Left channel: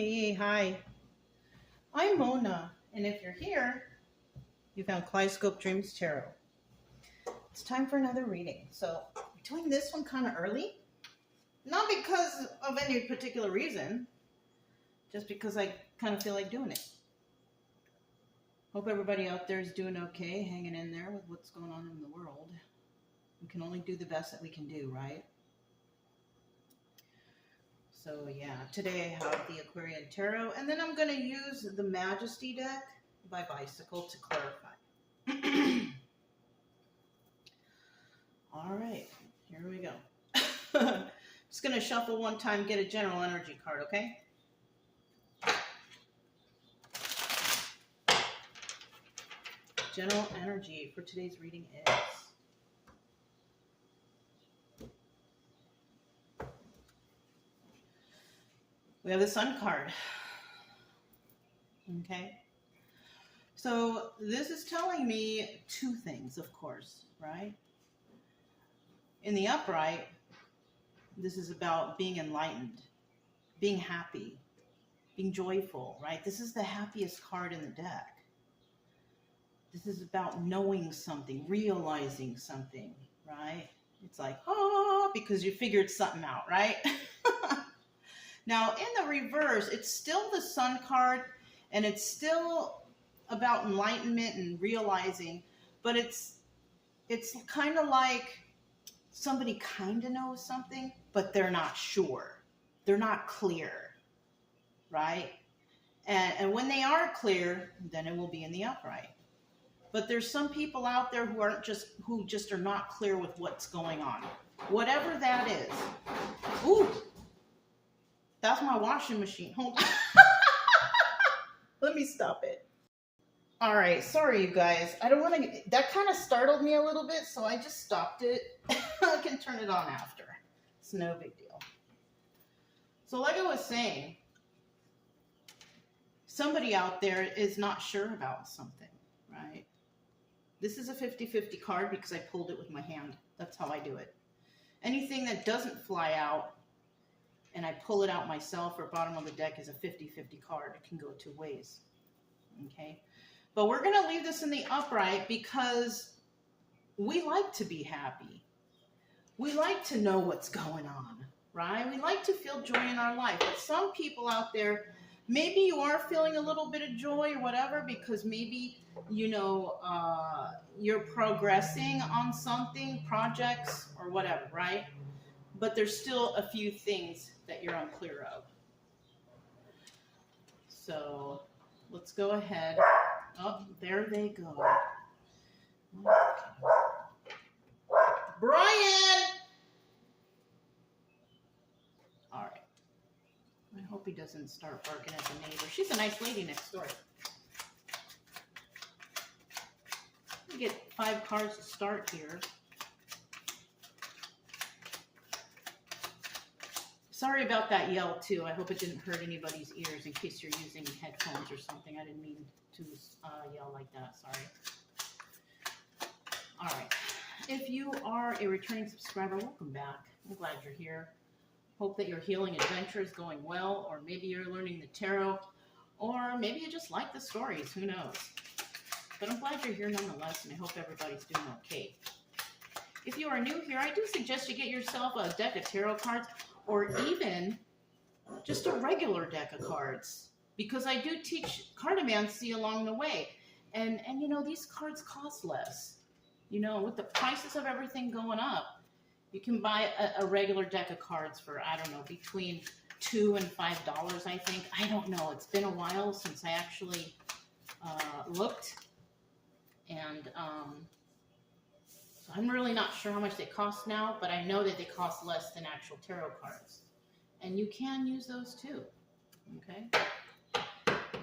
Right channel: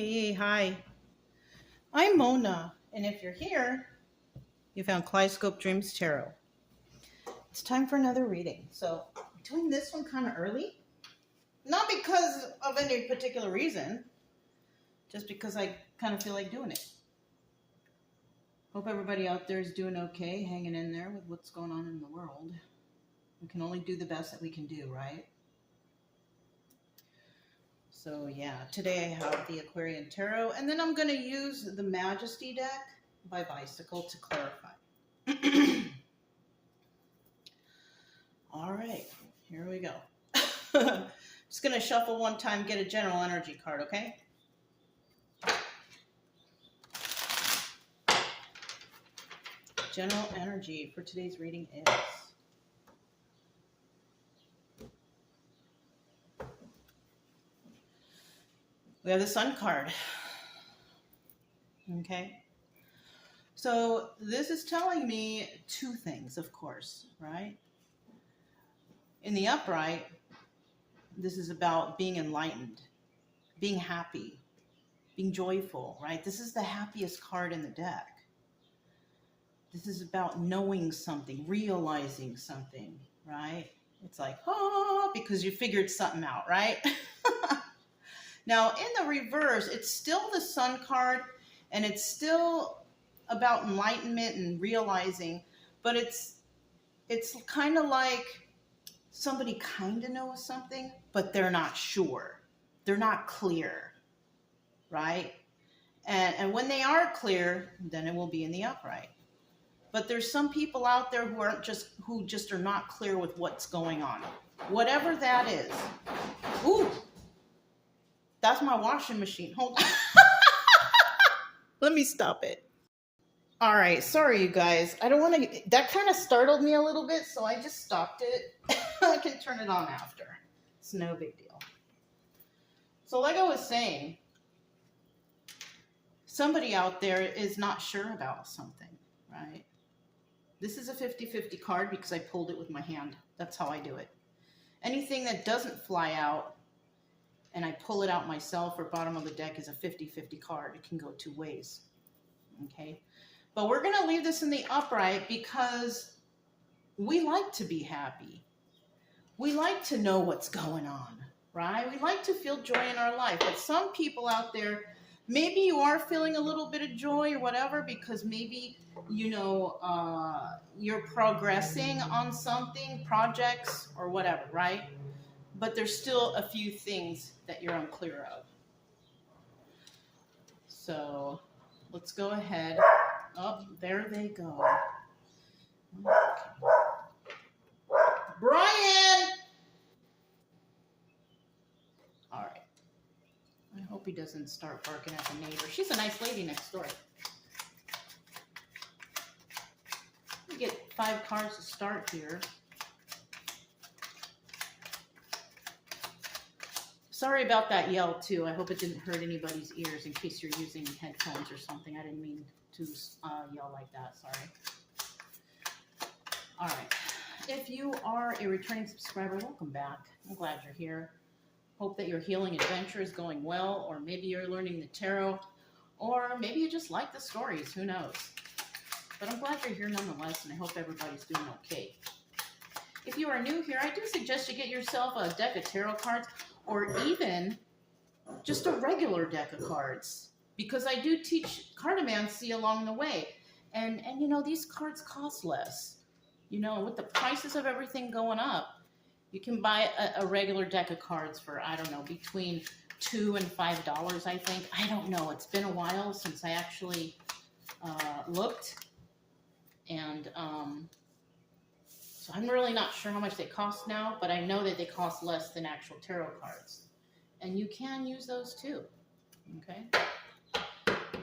Hey, hi. I'm Mona, and if you're here, you found Kaleidoscope Dreams Tarot. It's time for another reading. So, I'm doing this one kind of early. Not because of any particular reason, just because I kind of feel like doing it. Hope everybody out there is doing okay, hanging in there with what's going on in the world. We can only do the best that we can do, right? So yeah, today I have the Aquarian Tarot, and then I'm going to use the Majesty deck by Bicycle to clarify. All right, here we go. Just going to shuffle one time, get a general energy card, okay? General energy for today's reading is... we have the Sun card. Okay. So this is telling me two things, of course, right? In the upright, this is about being enlightened, being happy, being joyful, right? This is the happiest card in the deck. This is about knowing something, realizing something, right? It's like, oh, because you figured something out, right? Now, in the reverse, it's still the Sun card, and it's still about enlightenment and realizing, but it's kind of like somebody kind of knows something, but they're not sure. They're not clear, right? And when they are clear, then it will be in the upright. But there's some people out there who just are not clear with what's going on. Whatever that is. Ooh, that's my washing machine. Hold on. Let me stop it. All right, sorry you guys. I don't want to, that kind of startled me a little bit, so I just stopped it. I can turn it on after. It's no big deal. So like I was saying, somebody out there is not sure about something, right? This is a 50-50 card because I pulled it with my hand. That's how I do it. Anything that doesn't fly out and I pull it out myself or bottom of the deck is a 50-50 card. It can go two ways, okay? But we're going to leave this in the upright because we like to be happy. We like to know what's going on, right? We like to feel joy in our life. But some people out there, maybe you are feeling a little bit of joy or whatever because maybe, you know, you're progressing on something, projects or whatever, right? But there's still a few things that you're unclear of. So let's go ahead. Oh, there they go. Okay. Brian! All right. I hope he doesn't start barking at the neighbor. She's a nice lady next door. We get 5 cards to start here. Sorry about that yell too. I hope it didn't hurt anybody's ears in case you're using headphones or something. I didn't mean to yell like that. Sorry. All right. If you are a returning subscriber, welcome back. I'm glad you're here. Hope that your healing adventure is going well, or maybe you're learning the tarot, or maybe you just like the stories. Who knows? But I'm glad you're here nonetheless, and I hope everybody's doing okay. If you are new here, I do suggest you get yourself a deck of tarot cards, or even just a regular deck of cards, because I do teach cartomancy along the way. And you know, these cards cost less. You know, with the prices of everything going up, you can buy a regular deck of cards for, I don't know, between $2 and $5, I think. I don't know. It's been a while since I actually looked. And so I'm really not sure how much they cost now, but I know that they cost less than actual tarot cards. And you can use those too, okay?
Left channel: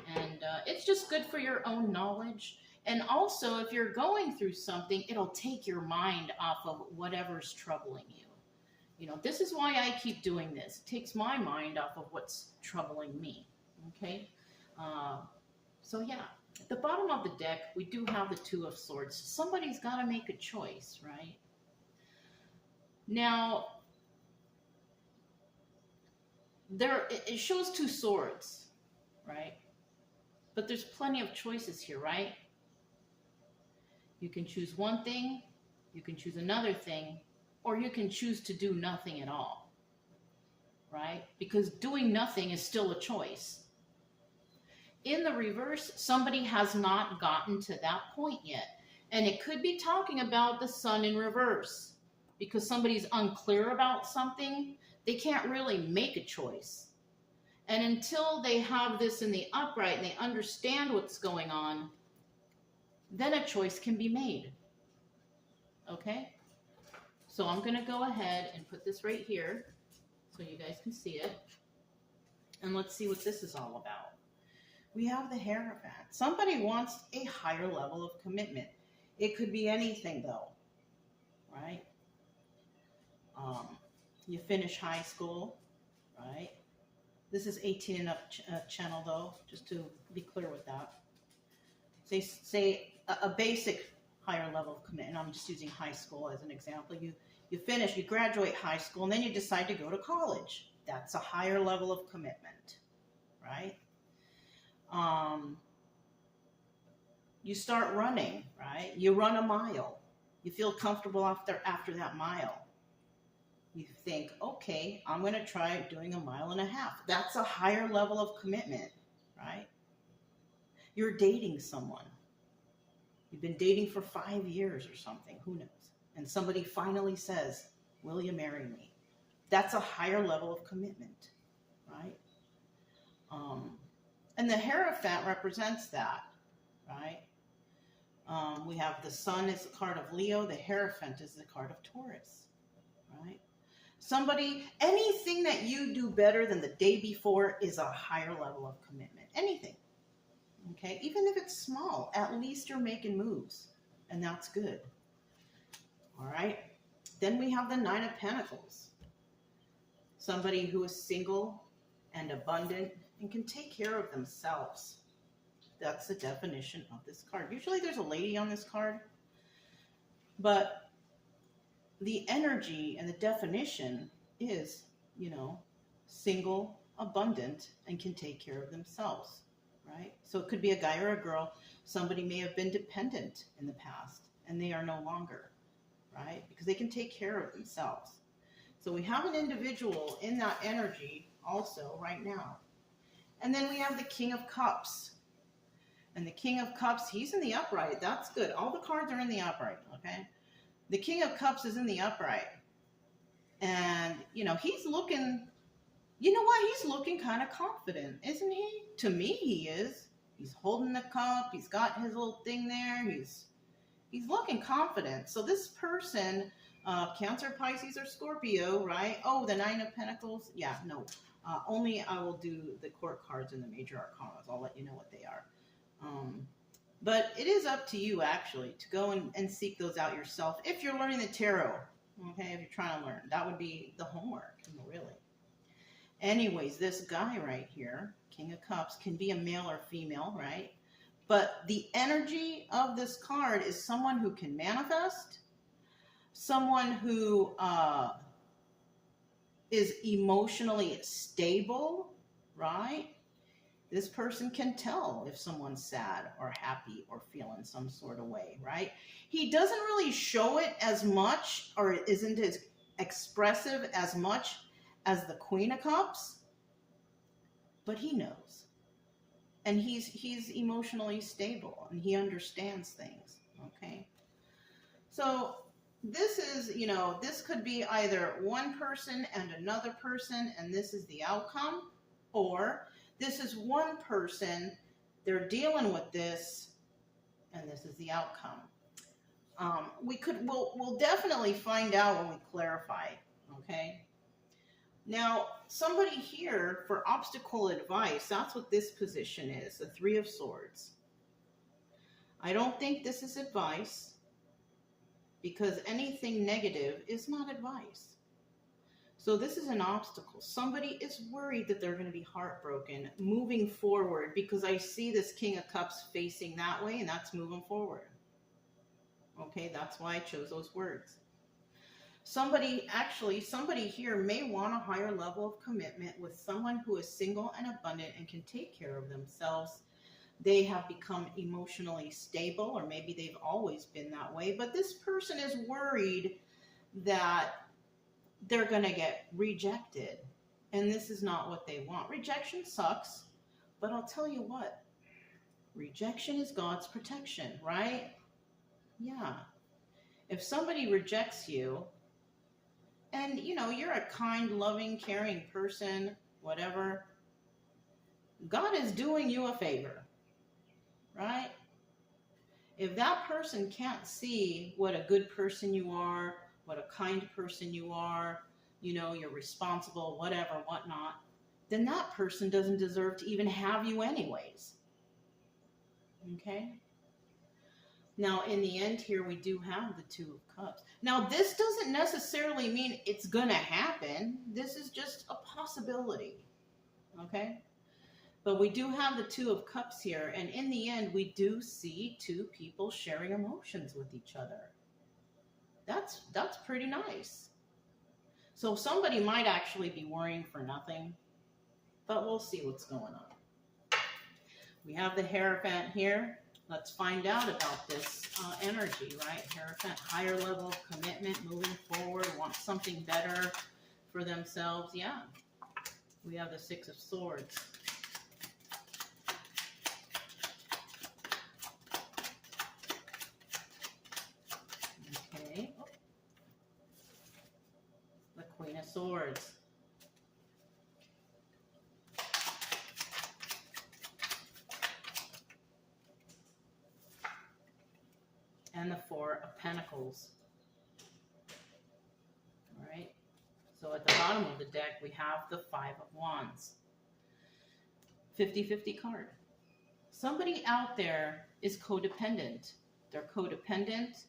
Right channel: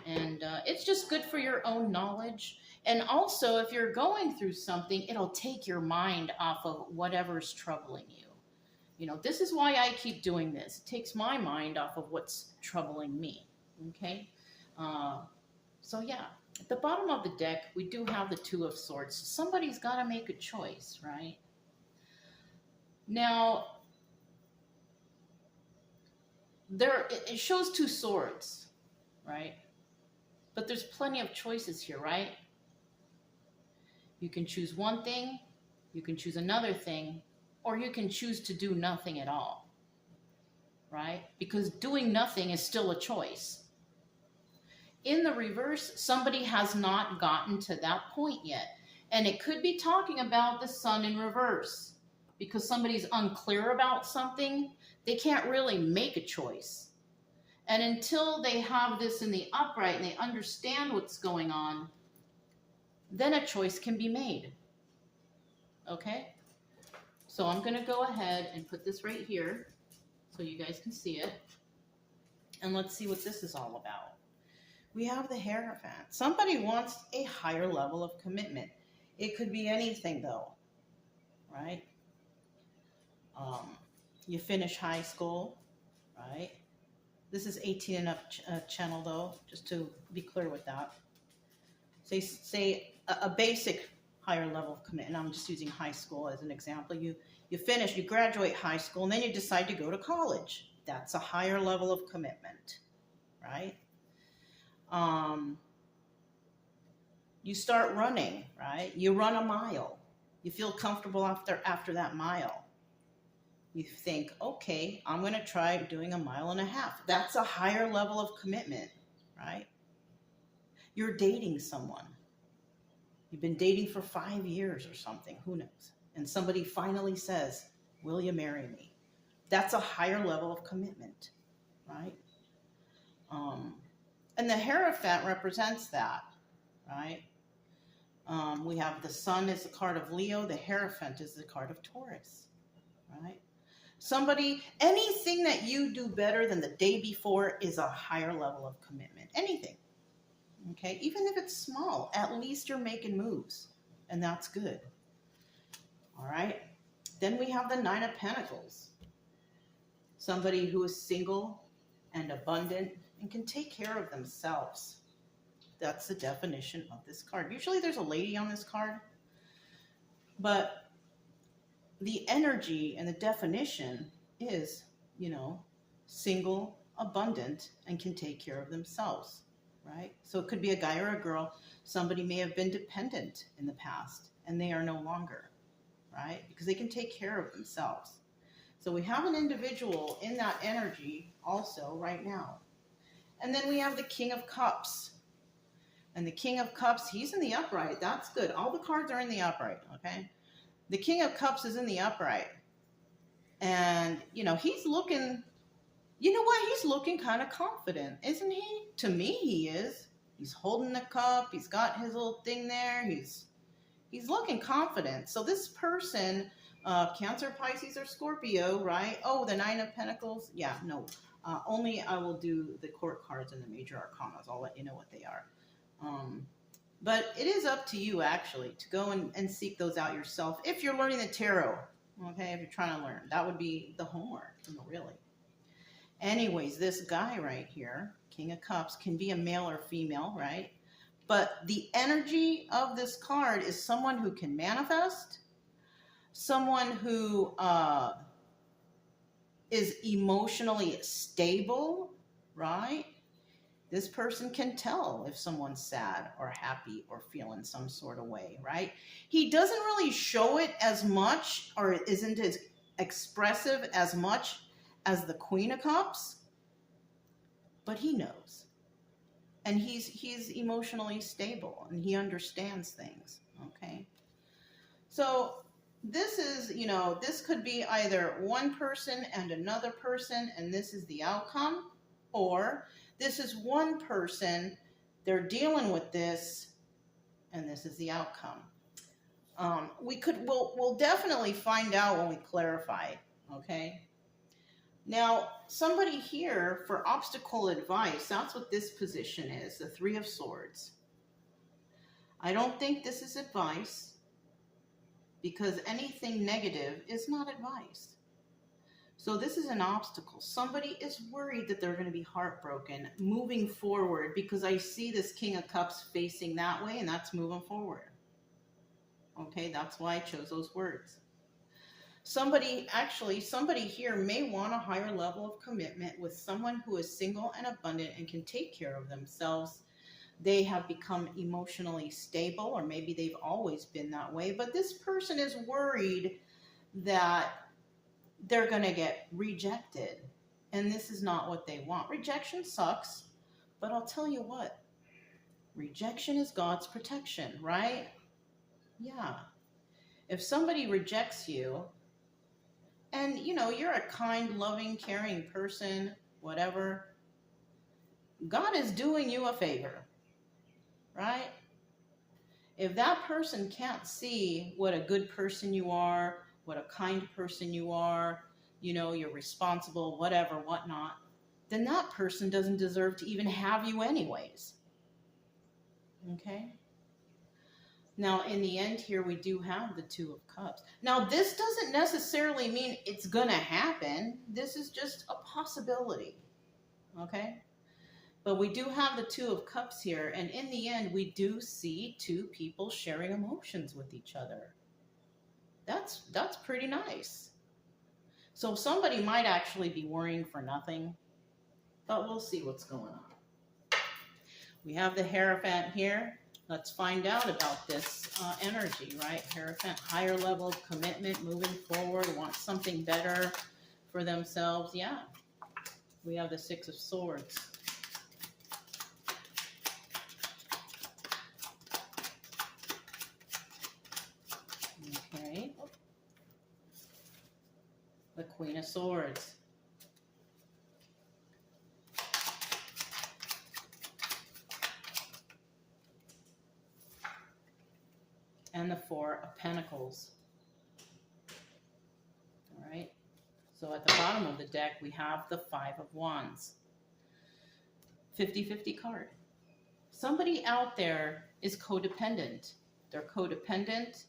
And it's just good for your own knowledge. And also, if you're going through something, it'll take your mind off of whatever's troubling you. You know, this is why I keep doing this. It takes my mind off of what's troubling me, okay? So yeah. At the bottom of the deck, we do have the Two of Swords. Somebody's got to make a choice, right? Now, it shows 2 swords. right? But there's plenty of choices here, right? You can choose one thing, you can choose another thing, or you can choose to do nothing at all, right? Because doing nothing is still a choice. In the reverse, somebody has not gotten to that point yet. And it could be talking about the sun in reverse. Because somebody's unclear about something, they can't really make a choice. And until they have this in the upright and they understand what's going on, then a choice can be made. Okay? So I'm going to go ahead and put this right here so you guys can see it. And let's see what this is all about. We have the Hierophant. Somebody wants a higher level of commitment. It could be anything, though, right? You finish high school, right? This is 18 and up channel, though, just to be clear with that. Say a basic higher level of commitment. I'm just using high school as an example. You finish, you graduate high school, and then you decide to go to college. That's a higher level of commitment, right? You start running, right? You run a mile. You feel comfortable after that mile. You think, okay, I'm going to try doing a 1.5 miles. That's a higher level of commitment, right? You're dating someone. You've been dating for 5 years or something, who knows? And somebody finally says, will you marry me? That's a higher level of commitment, right? And the Hierophant represents that, right? We have the Sun as the card of Leo. The Hierophant is the card of Taurus, right? Anything that you do better than the day before is a higher level of commitment. Anything, okay? Even if it's small, at least you're making moves, and that's good, all right? Then we have the Nine of Pentacles. Somebody who is single and abundant and can take care of themselves. That's the definition of this card. Usually there's a lady on this card, but the energy and the definition is, single, abundant, and can take care of themselves, right? So it could be a guy or a girl. Somebody may have been dependent in the past, and they are no longer, right? Because they can take care of themselves. So we have an individual in that energy also right now. And then we have the King of Cups. And the King of Cups, he's in the upright. That's good. All the cards are in the upright, okay? The King of Cups is in the upright. And, he's looking, he's looking kind of confident, isn't he? To me, he is. He's holding the cup. He's got his little thing there. He's looking confident. So this person, Cancer, Pisces, or Scorpio, right? Oh, the Nine of Pentacles. Yeah, no. Only I will do the court cards and the major arcanas. I'll let you know what they are. But it is up to you, actually, to go and seek those out yourself. If you're learning the tarot, okay, if you're trying to learn, that would be the homework, really. Anyways, this guy right here, King of Cups, can be a male or female, right? But the energy of this card is someone who can manifest, someone who is emotionally stable, right? This person can tell if someone's sad or happy or feeling some sort of way, right? He doesn't really show it as much, or isn't as expressive as much as the Queen of Cups, but he knows. And he's emotionally stable, and he understands things, okay? So this is, this could be either one person and another person, and this is the outcome, or this is one person, they're dealing with this, and this is the outcome. We'll definitely find out when we clarify, okay? Now, somebody here for obstacle advice, that's what this position is, the Three of Swords. I don't think this is advice, because anything negative is not advice. So this is an obstacle. Somebody is worried that they're going to be heartbroken moving forward, because I see this King of Cups facing that way, and that's moving forward. Okay, that's why I chose those words. Somebody here may want a higher level of commitment with someone who is single and abundant and can take care of themselves. They have become emotionally stable, or maybe they've always been that way, but this person is worried that they're going to get rejected, and this is not what they want. Rejection sucks, but I'll tell you what, rejection is God's protection, right? Yeah. If somebody rejects you, and you're a kind, loving, caring person, whatever, God is doing you a favor, right? If that person can't see what a good person you are, what a kind person you are, you're responsible, whatever, whatnot, then that person doesn't deserve to even have you anyways. Okay? Now, in the end here, we do have the Two of Cups. Now, this doesn't necessarily mean it's going to happen. This is just a possibility. Okay? But we do have the Two of Cups here, and in the end, we do see two people sharing emotions with each other. That's pretty nice. So somebody might actually be worrying for nothing, but we'll see what's going on. We have the Hierophant here. Let's find out about this energy, right? Hierophant, higher level of commitment, moving forward, want something better for themselves. Yeah. We have the Six of Swords. Okay. The Queen of Swords. And the Four of Pentacles. All right. So at the bottom of the deck, we have the Five of Wands. 50-50 card. Somebody out there is codependent. They're codependent.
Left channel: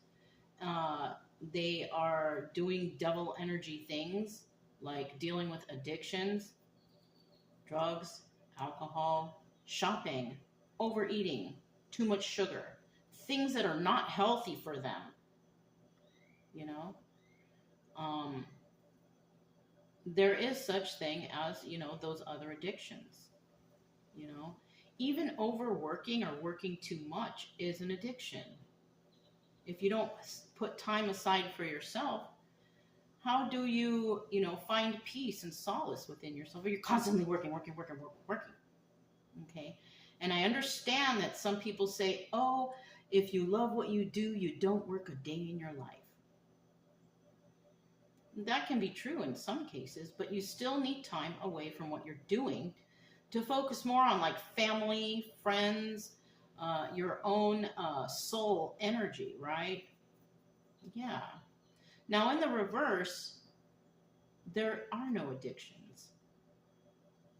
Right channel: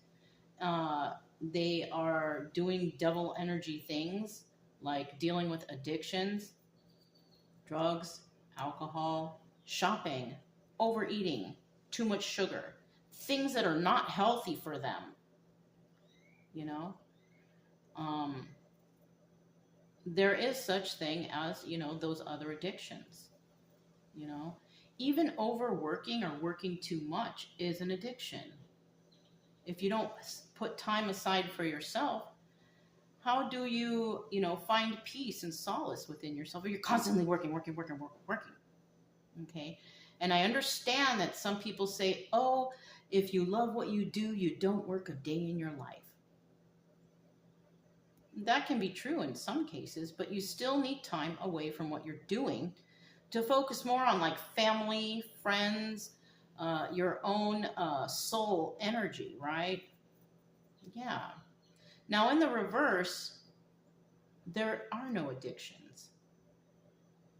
They are doing devil energy things like dealing with addictions, drugs, alcohol, shopping, overeating, too much sugar. Things that are not healthy for them, there is such thing as, those other addictions, even overworking or working too much is an addiction. If you don't put time aside for yourself, how do you, find peace and solace within yourself? Or you're constantly working. Okay. And I understand that some people say, oh, if you love what you do, you don't work a day in your life. That can be true in some cases, but you still need time away from what you're doing to focus more on like family, friends, your own soul energy, right? Yeah. Now in the reverse, there are no addictions,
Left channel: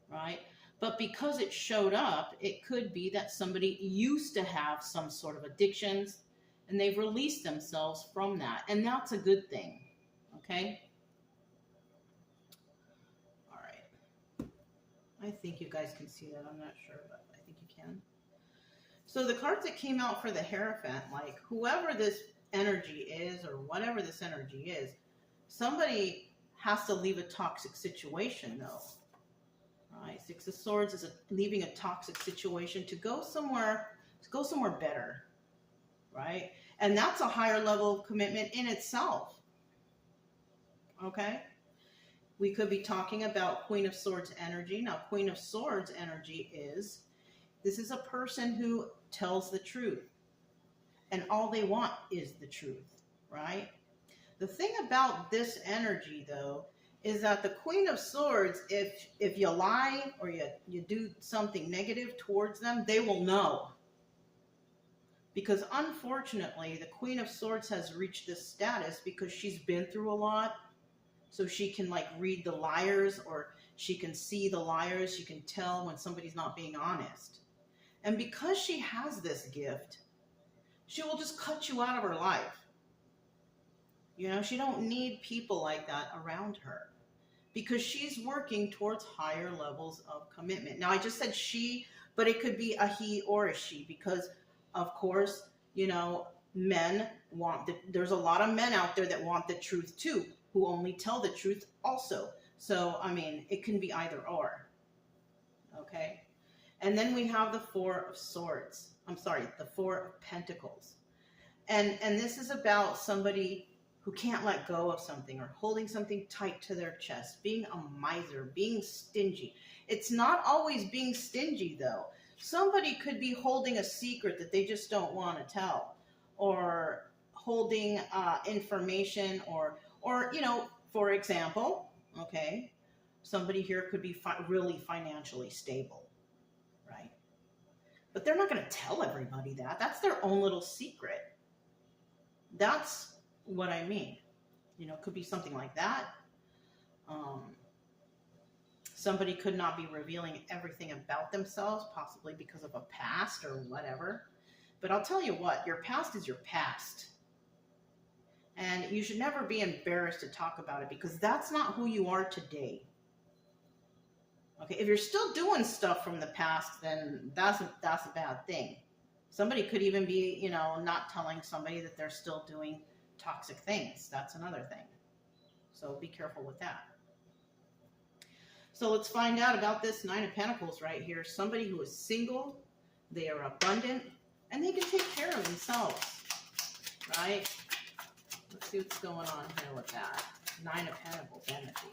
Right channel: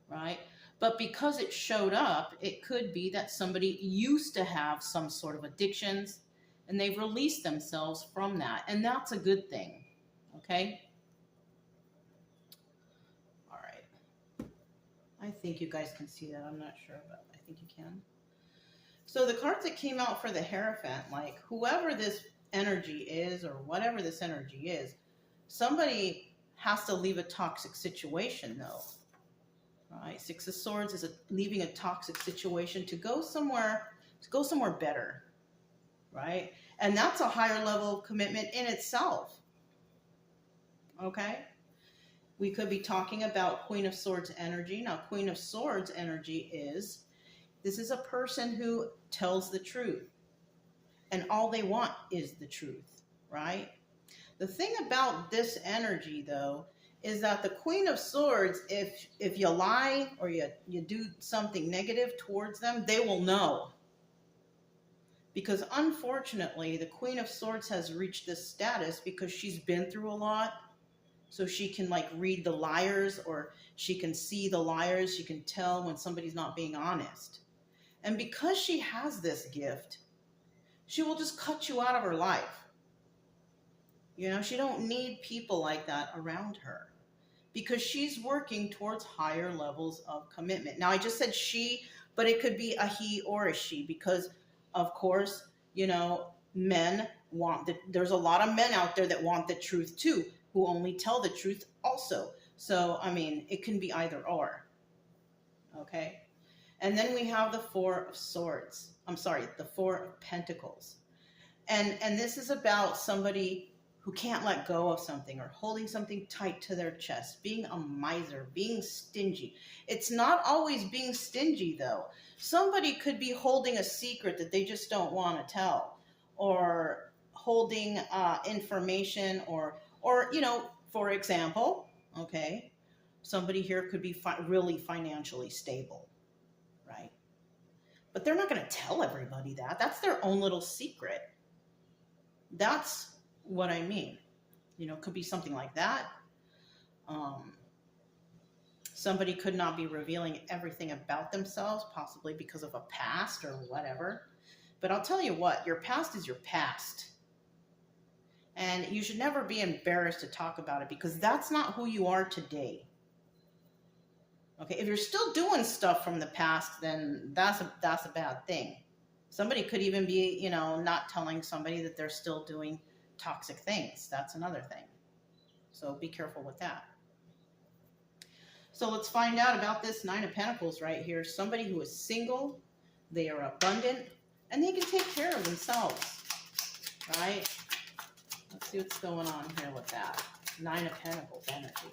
right? But because it showed up, it could be that somebody used to have some sort of addictions and they've released themselves from that. And that's a good thing. Okay? All right. I think you guys can see that. I'm not sure, but I think you can. So the cards that came out for the Hierophant, like whoever this energy is or whatever this energy is, somebody has to leave a toxic situation though. Right, Six of Swords is leaving a toxic situation to go somewhere better, right? And that's a higher level of commitment in itself. Okay? We could be talking about Queen of Swords energy. Now, Queen of Swords energy this is a person who tells the truth. And all they want is the truth, right? The thing about this energy, though, is that the Queen of Swords, if you lie or you do something negative towards them, they will know. Because unfortunately, the Queen of Swords has reached this status because she's been through a lot. So she can like read the liars, or she can see the liars. She can tell when somebody's not being honest. And because she has this gift, she will just cut you out of her life. She don't need people like that around her because she's working towards higher levels of commitment. Now, I just said she, but it could be a he or a she because, of course, men want there's a lot of men out there that want the truth too. who only tell the truth also. So, I mean, it can be either or. Okay? And then we have the Four of Swords. I'm sorry, the Four of Pentacles. And this is about somebody who can't let go of something or holding something tight to their chest, being a miser, being stingy. It's not always being stingy, though. Somebody could be holding a secret that they just don't want to tell, or holding information, or for example, okay, somebody here could be really financially stable, right? But they're not going to tell everybody that. That's their own little secret. That's what I mean. It could be something like that. Somebody could not be revealing everything about themselves, possibly because of a past or whatever. But I'll tell you what, your past is your past. And you should never be embarrassed to talk about it, because that's not who you are today. Okay, if you're still doing stuff from the past, then that's a bad thing. Somebody could even be, not telling somebody that they're still doing toxic things. That's another thing. So be careful with that. So let's find out about this Nine of Pentacles right here. Somebody who is single, they are abundant, and they can take care of themselves, right? Let's see what's going on here with that. Nine of Pentacles energy.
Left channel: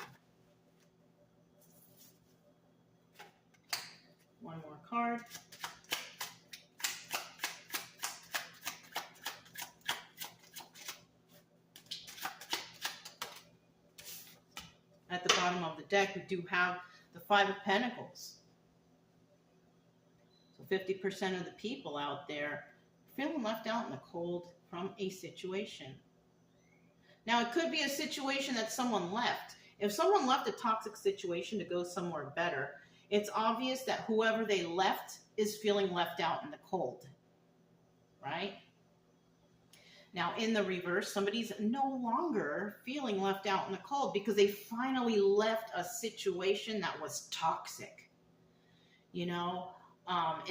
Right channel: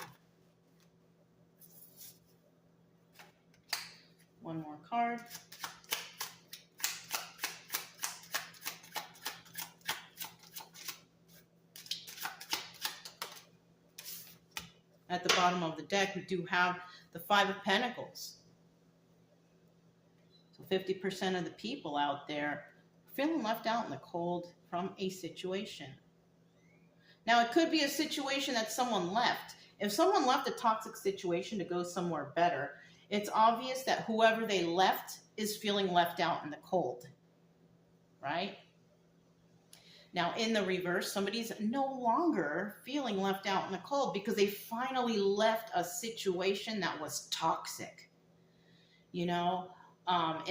One more card. At the bottom of the deck, we do have the Five of Pentacles. So 50% of the people out there are feeling left out in the cold from a situation. Now, it could be a situation that someone left. If someone left a toxic situation to go somewhere better, it's obvious that whoever they left is feeling left out in the cold, right? Now, in the reverse, somebody's no longer feeling left out in the cold because they finally left a situation that was toxic. In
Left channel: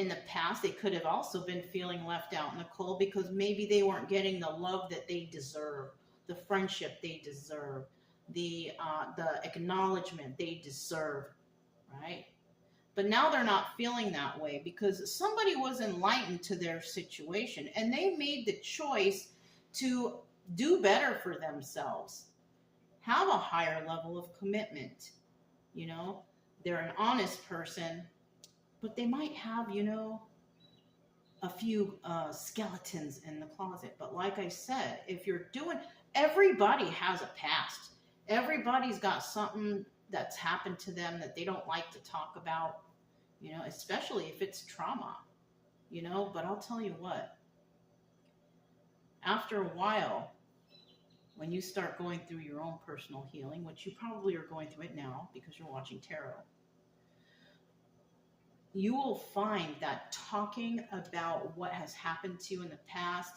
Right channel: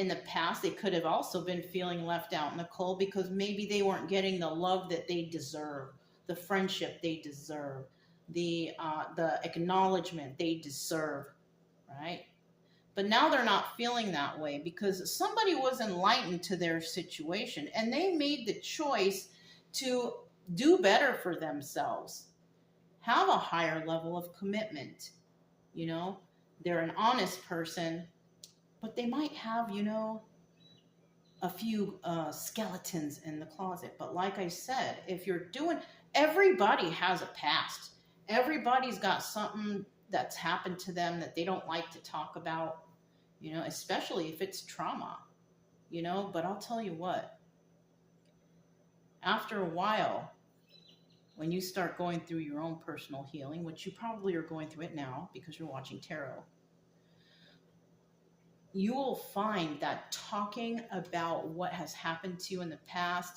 the past, they could have also been feeling left out in the cold because maybe they weren't getting the love that they deserve, the friendship they deserve, the acknowledgement they deserve, right? But now they're not feeling that way because somebody was enlightened to their situation and they made the choice to do better for themselves, have a higher level of commitment. They're an honest person, but they might have, a few skeletons in the closet. But like I said, everybody has a past. Everybody's got something that's happened to them that they don't like to talk about, especially if it's trauma, but I'll tell you what, after a while, when you start going through your own personal healing, which you probably are going through it now because you're watching tarot, you will find that talking about what has happened to you in the past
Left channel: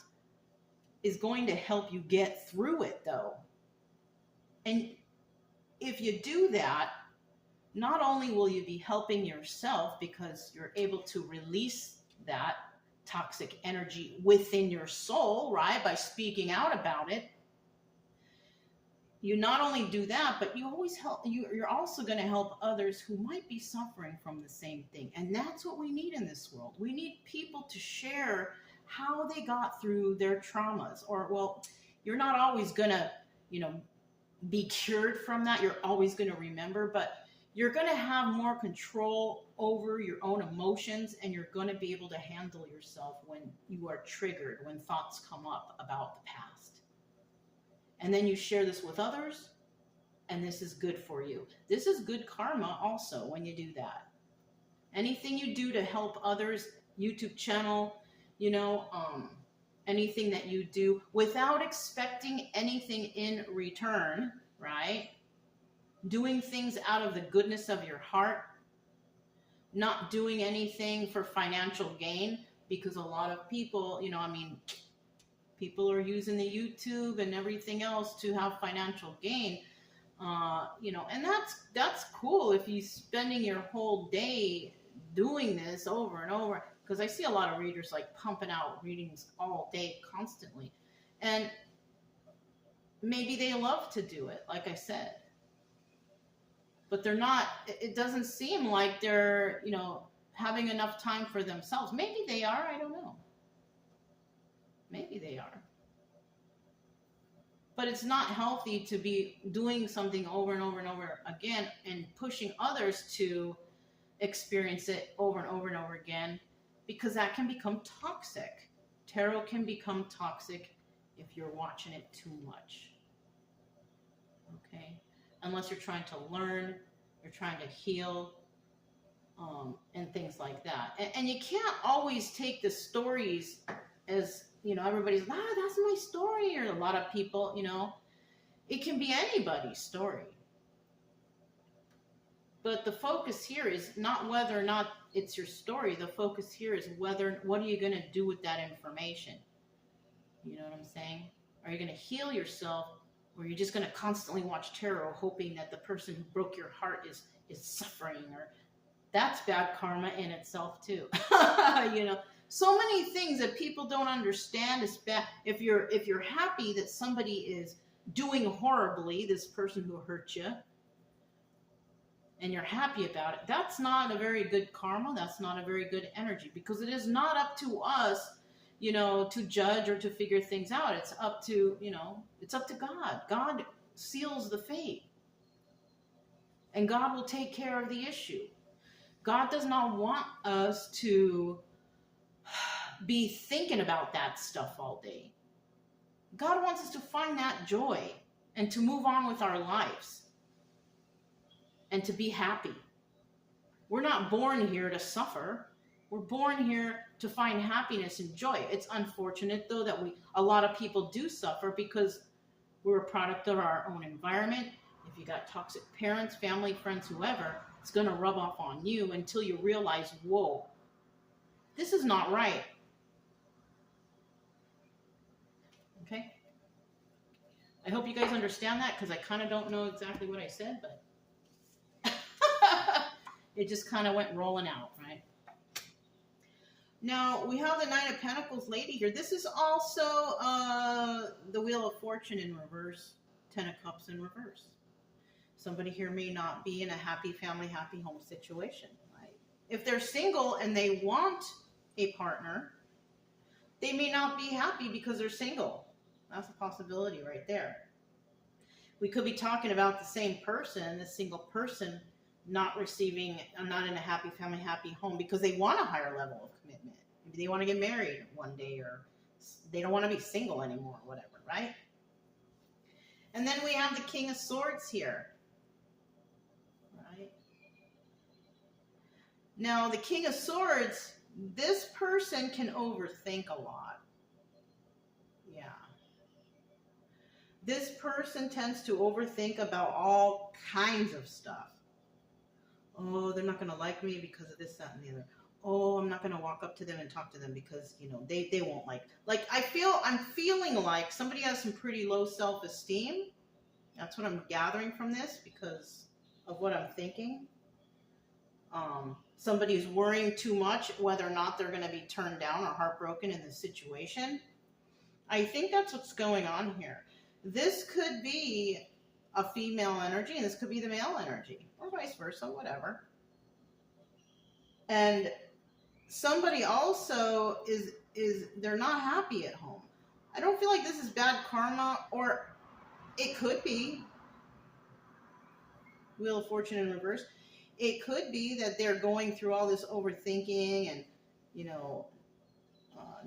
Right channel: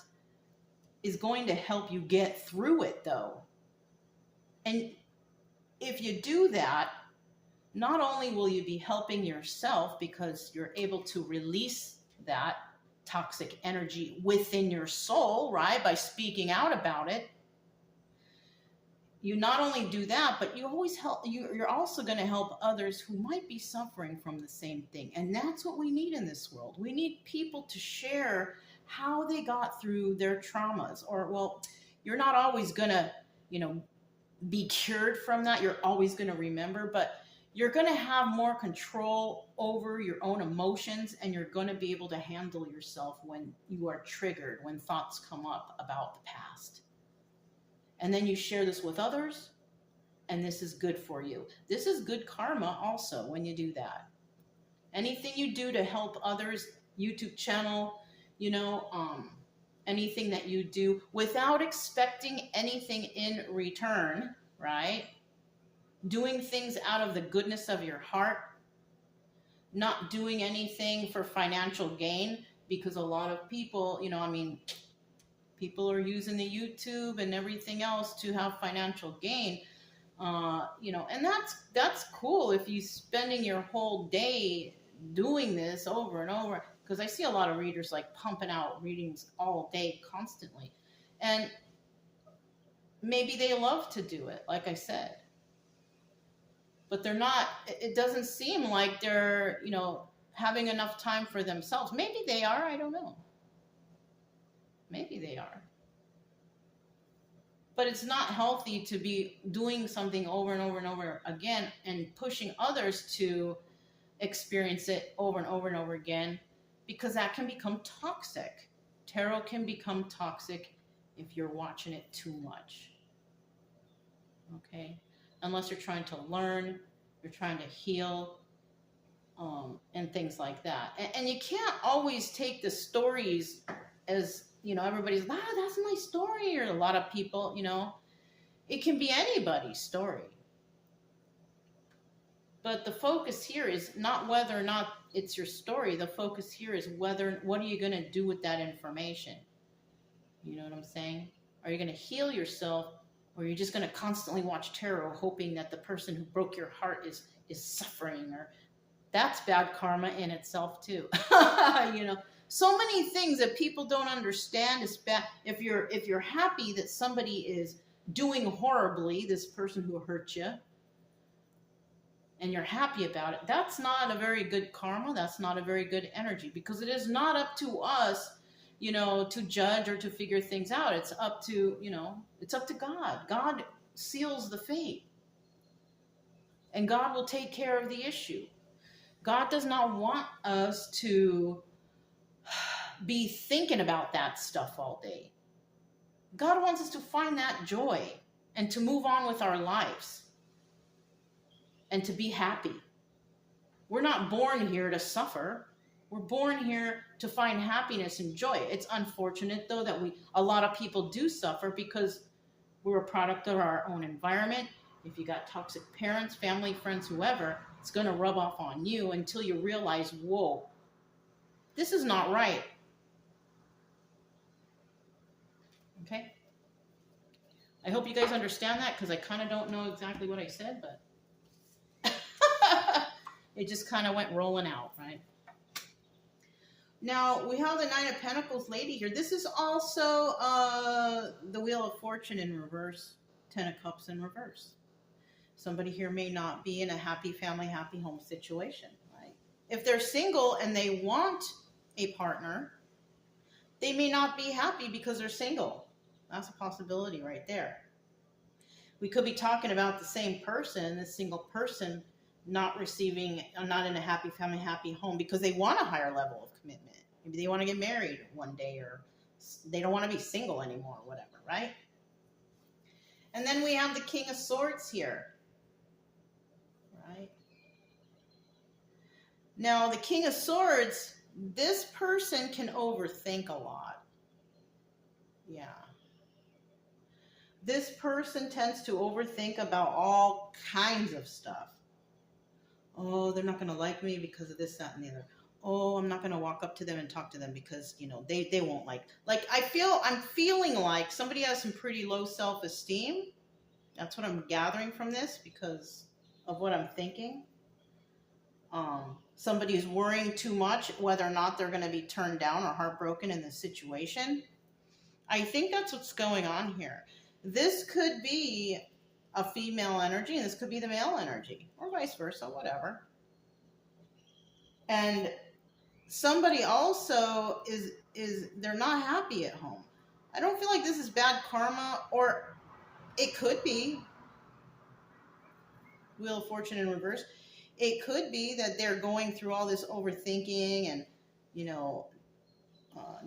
is going to help you get through it, though. And if you do that, not only will you be helping yourself because you're able to release that toxic energy within your soul, right, by speaking out about it. You not only do that, but you always you're also going to help others who might be suffering from the same thing. And that's what we need in this world. We need people to share how they got through their traumas. Or, well, you're not always going to, be cured from that. You're always going to remember, but you're going to have more control over your own emotions, and you're going to be able to handle yourself when you are triggered, when thoughts come up about the past. And then you share this with others, and this is good for you. This is good karma also when you do that. Anything you do to help others, YouTube channel, anything that you do without expecting anything in return, right? Doing things out of the goodness of your heart, not doing anything for financial gain, because a lot of people, people are using the YouTube and everything else to have financial gain, and that's cool if you're spending your whole day doing this over and over, because I see a lot of readers like pumping out readings all day constantly. And maybe they love to do it, like I said, but they're not, it doesn't seem like they're, having enough time for themselves. Maybe they are, I don't know. Maybe they are. But it's not healthy to be doing something over and over and over again and pushing others to experience it over and over and over again, because that can become toxic. Tarot can become toxic if you're watching it too much. Okay? Unless you're trying to learn, you're trying to heal, and things like that. And you can't always take the stories as, everybody's, that's my story, or a lot of people, it can be anybody's story. But the focus here is not whether or not it's your story. The focus here is what are you going to do with that information? You know what I'm saying? Are you going to heal yourself, or are you just going to constantly watch tarot hoping that the person who broke your heart is suffering? Or that's bad karma in itself too. So many things that people don't understand is bad. If you're happy that somebody is doing horribly, this person who hurt you, and you're happy about it, that's not a very good karma. That's not a very good energy, because it is not up to us, to judge or to figure things out. It's up to, it's up to God. God seals the fate, and God will take care of the issue. God does not want us to be thinking about that stuff all day. God wants us to find that joy and to move on with our lives and to be happy. We're not born here to suffer. We're born here to find happiness and joy. It's unfortunate, though, that a lot of people do suffer because we're a product of our own environment. If you got toxic parents, family, friends, whoever, it's going to rub off on you until you realize, whoa, this is not right. Okay? I hope you guys understand that, because I kind of don't know exactly what I said, but it just kind of went rolling out, right? Now, we have the Nine of Pentacles lady here. This is also the Wheel of Fortune in reverse, Ten of Cups in reverse. Somebody here may not be in a happy family, happy home situation, right? If they're single and they want a partner, they may not be happy because they're single. That's a possibility right there. We could be talking about the same person, the single person, not in a happy family, happy home, because they want a higher level of commitment. Maybe they want to get married one day, or they don't want to be single anymore, whatever, right? And then we have the King of Swords here, right? Now, the King of Swords, this person can overthink a lot. Yeah. This person tends to overthink about all kinds of stuff. Oh, they're not going to like me because of this, that, and the other. Oh, I'm not going to walk up to them and talk to them because, they won't like. I'm feeling like somebody has some pretty low self-esteem. That's what I'm gathering from this because of what I'm thinking. Somebody is worrying too much whether or not they're going to be turned down or heartbroken in this situation. I think that's what's going on here. This could be a female energy, and this could be the male energy, or vice versa, whatever. And somebody also is they're not happy at home. I don't feel like this is bad karma, or it could be Wheel of Fortune in reverse. It could be that they're going through all this overthinking and,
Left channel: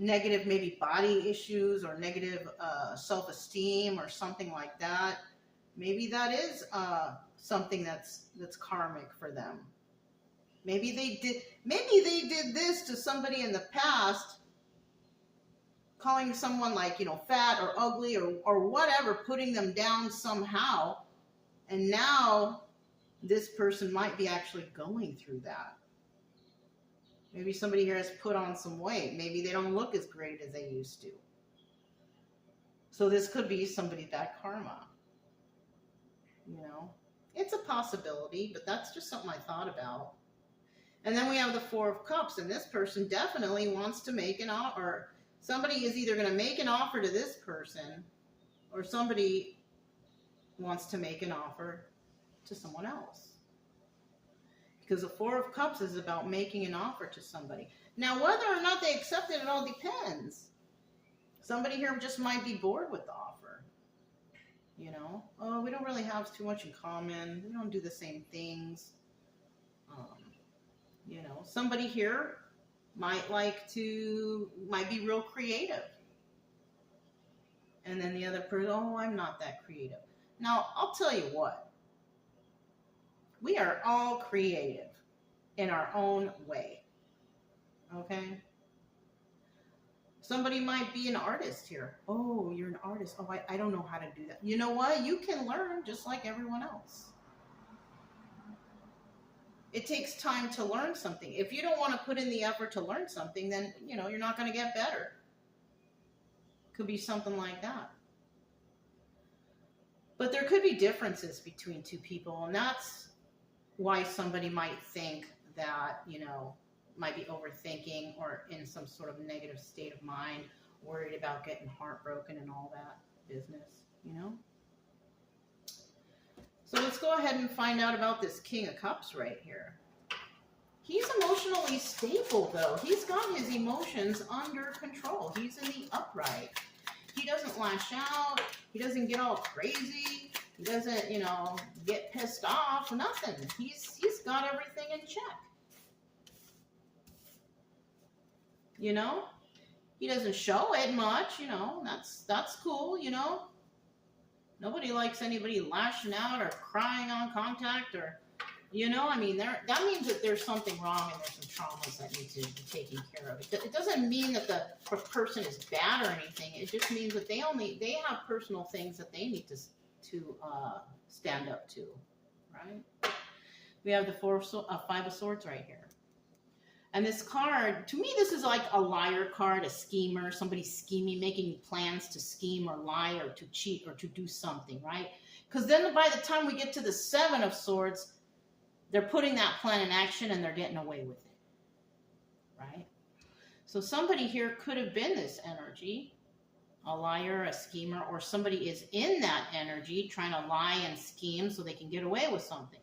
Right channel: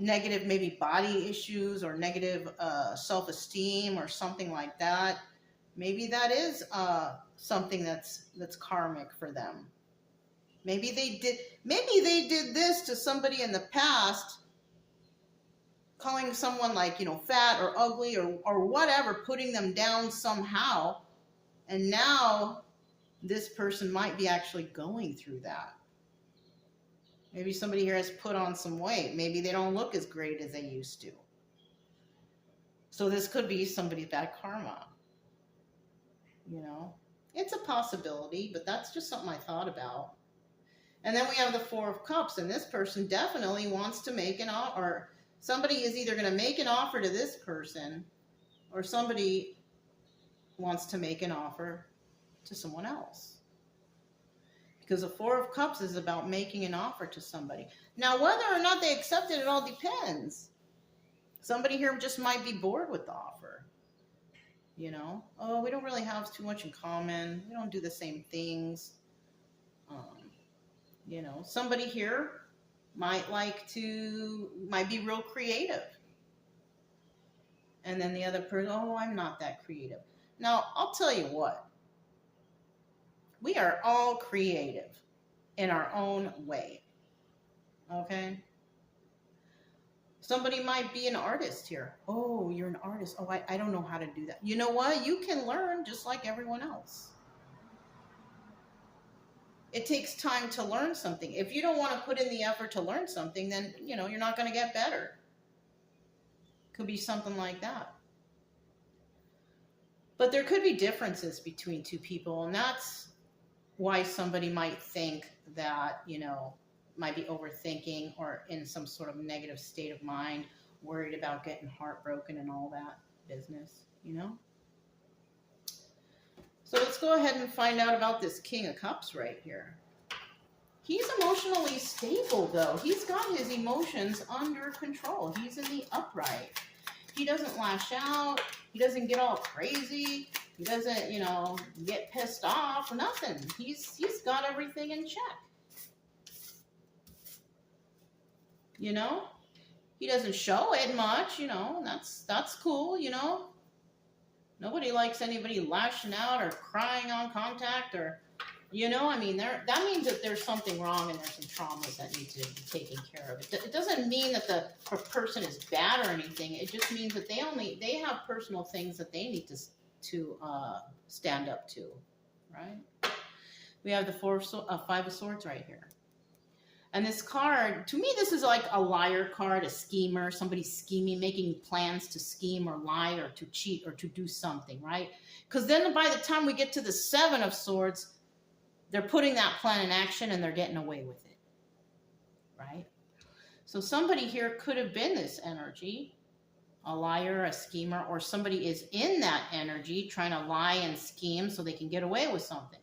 negative maybe body issues or negative self-esteem or something like that. Maybe that is something that's karmic for them. Maybe they did this to somebody in the past, calling someone like, fat or ugly or whatever, putting them down somehow. And now this person might be actually going through that. Maybe somebody here has put on some weight. Maybe they don't look as great as they used to. So this could be somebody's bad karma. It's a possibility, but that's just something I thought about. And then we have the Four of Cups, and this person definitely wants to make an offer. Somebody is either going to make an offer to this person, or somebody wants to make an offer to someone else. Because the Four of Cups is about making an offer to somebody. Now, whether or not they accept it, it all depends. Somebody here just might be bored with the offer. You know, oh, we don't really have too much in common. We don't do the same things. You know, somebody here might be real creative. And then the other person, oh, I'm not that creative. Now, I'll tell you what. We are all creative in our own way. Okay? Somebody might be an artist here. Oh, you're an artist. Oh, I don't know how to do that. You know what? You can learn just like everyone else. It takes time to learn something. If you don't want to put in the effort to learn something, then, you know, you're not going to get better. Could be something like that. But there could be differences between two people, and that's why somebody might think that, you know, might be overthinking or in some sort of negative state of mind, worried about getting heartbroken and all that business, you know? So let's go ahead and find out about this King of Cups right here. He's emotionally stable, though. He's got his emotions under control. He's in the upright. He doesn't lash out. He doesn't get all crazy. He doesn't, you know, get pissed off. Nothing. He's got everything in check. You know? He doesn't show it much, you know. That's cool, you know. Nobody likes anybody lashing out or crying on contact or, you know, I mean, that means that there's something wrong and there's some traumas that need to be taken care of. It doesn't mean that the person is bad or anything. It just means that they have personal things that they need to stand up to, right? We have the Five of Swords right here. And this card, to me, this is like a liar card, a schemer, somebody scheming, making plans to scheme or lie or to cheat or to do something, right? Because then by the time we get to the Seven of Swords, they're putting that plan in action and they're getting away with it, right? So somebody here could have been this energy, a liar, a schemer, or somebody is in that energy trying to lie and scheme so they can get away with something,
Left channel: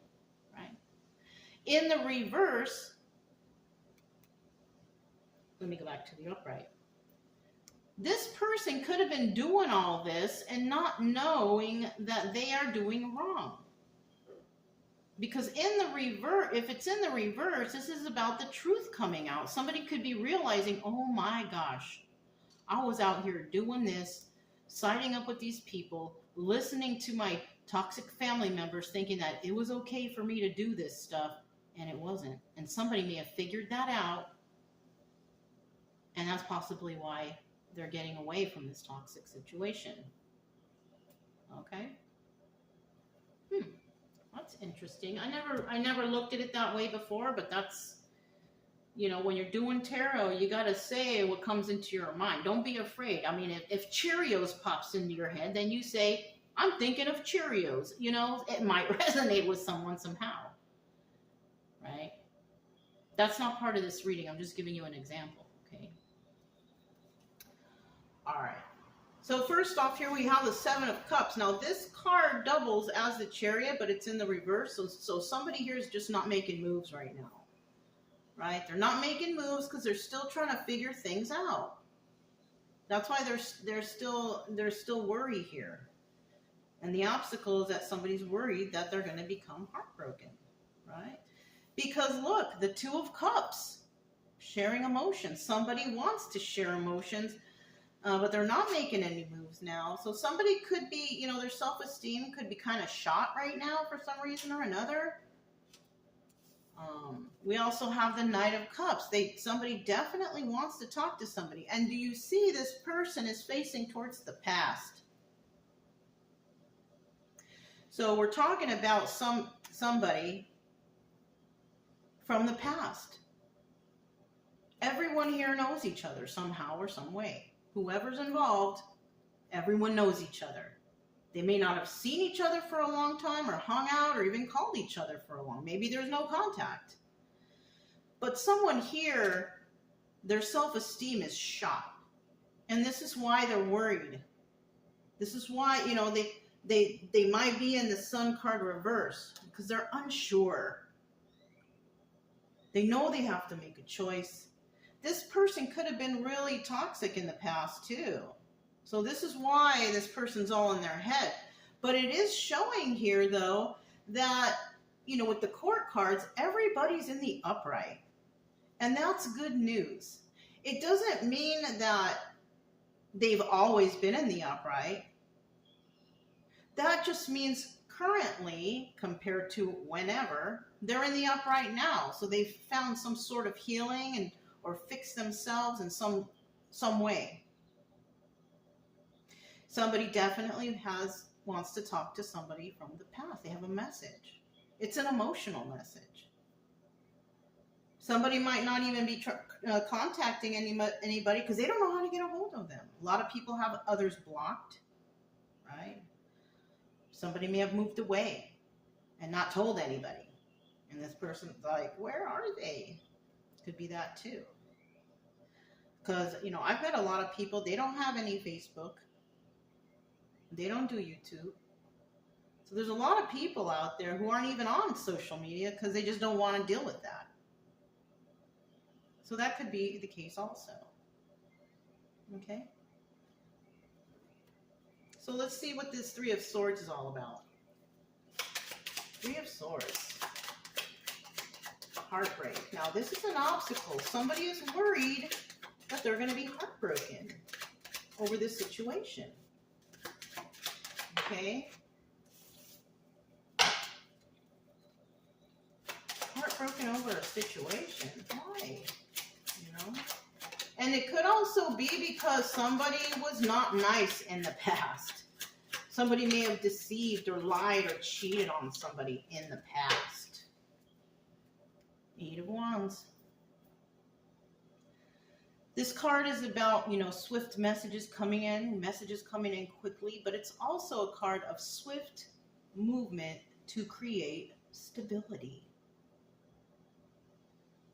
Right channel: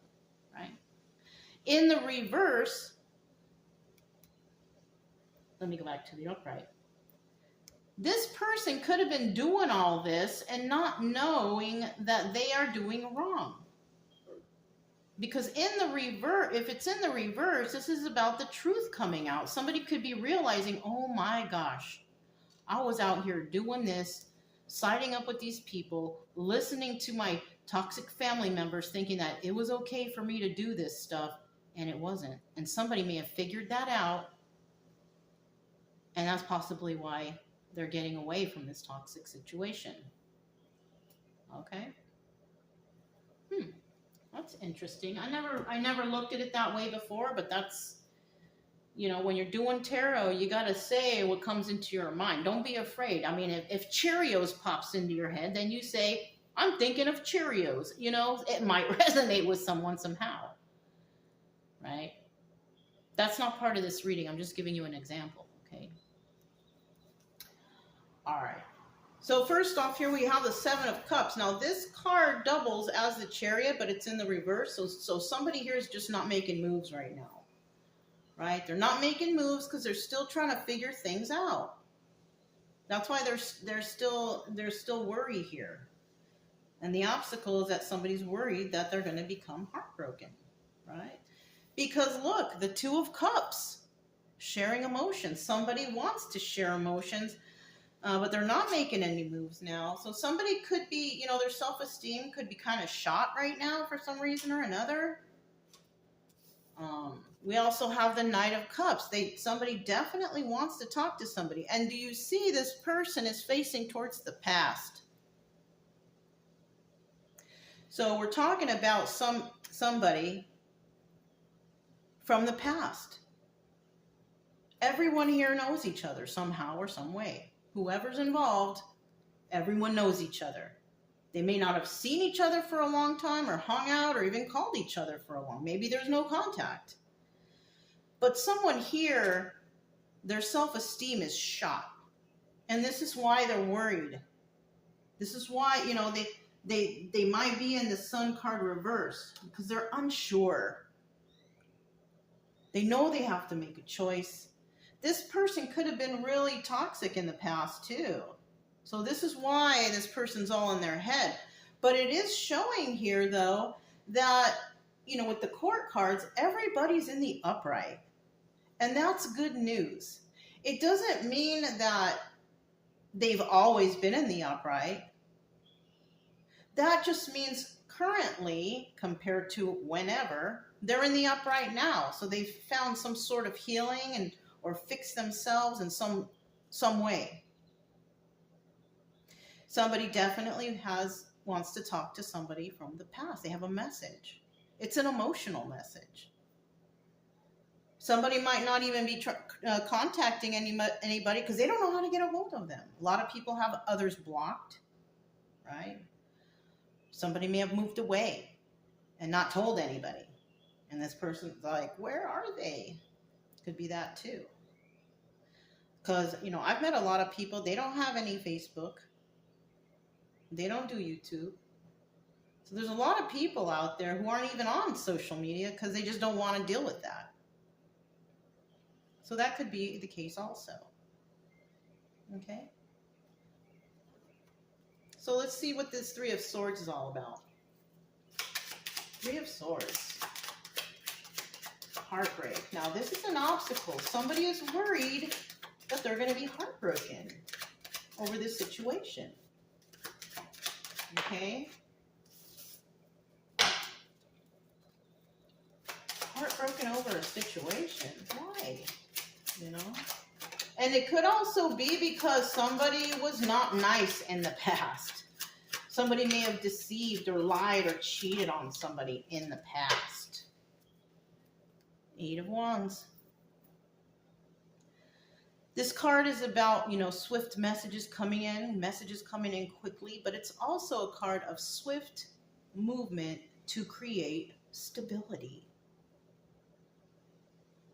right? In the reverse, let me go back to the upright. This person could have been doing all this and not knowing that they are doing wrong. Because in the reverse, if it's in the reverse, this is about the truth coming out. Somebody could be realizing, oh my gosh, I was out here doing this, siding up with these people, listening to my toxic family members, thinking that it was okay for me to do this stuff, and it wasn't. And somebody may have figured that out. And that's possibly why they're getting away from this toxic situation. Okay? That's interesting. I never looked at it that way before, but that's, you know, when you're doing tarot, you got to say what comes into your mind. Don't be afraid. I mean, if Cheerios pops into your head, then you say, I'm thinking of Cheerios. You know, it might resonate with someone somehow. Right? That's not part of this reading. I'm just giving you an example. Okay? All right. So first off, here we have the Seven of Cups. Now this card doubles as the Chariot, but it's in the reverse. So somebody here is just not making moves right now, right? They're not making moves because they're still trying to figure things out. That's why there's still worry here, and the obstacle is that somebody's worried that they're going to become heartbroken, right? Because look, the Two of Cups, sharing emotions. Somebody wants to share emotions. But they're not making any moves now. So somebody could be, you know, their self-esteem could be kind of shot right now for some reason or another. We also have the Knight of Cups. Somebody definitely wants to talk to somebody. And do you see this person is facing towards the past? So we're talking about somebody from the past. Everyone here knows each other somehow or some way. Whoever's involved, everyone knows each other. They may not have seen each other for a long time or hung out or even called each other for a long. Maybe there's no contact. But someone here, their self-esteem is shot. And this is why they're worried. This is why, you know, They might be in the Sun card reverse because they're unsure. They know they have to make a choice. This person could have been really toxic in the past too. So this is why this person's all in their head. But it is showing here though that, you know, with the court cards, everybody's in the upright. And that's good news. It doesn't mean that they've always been in the upright. That just means currently, compared to whenever, they're in the upright now. So they've found some sort of healing and or fixed themselves in some way. Somebody definitely wants to talk to somebody from the past. They have a message. It's an emotional message. Somebody might not even be contacting anybody because they don't know how to get a hold of them. A lot of people have others blocked, right? Somebody may have moved away and not told anybody. And this person's like, where are they? Could be that too. Because, you know, I've met a lot of people, they don't have any Facebook. They don't do YouTube. So there's a lot of people out there who aren't even on social media because they just don't want to deal with that. So that could be the case also. Okay? So let's see what this Three of Swords is all about. Three of Swords. Heartbreak. Now this is an obstacle. Somebody is worried that they're going to be heartbroken over this situation. Okay? Heartbroken over a situation. Why? You know? And it could also be because somebody was not nice in the past. Somebody may have deceived or lied or cheated on somebody in the past. Eight of Wands. This card is about, you know, swift messages coming in quickly, but it's also a card of swift movement to create stability.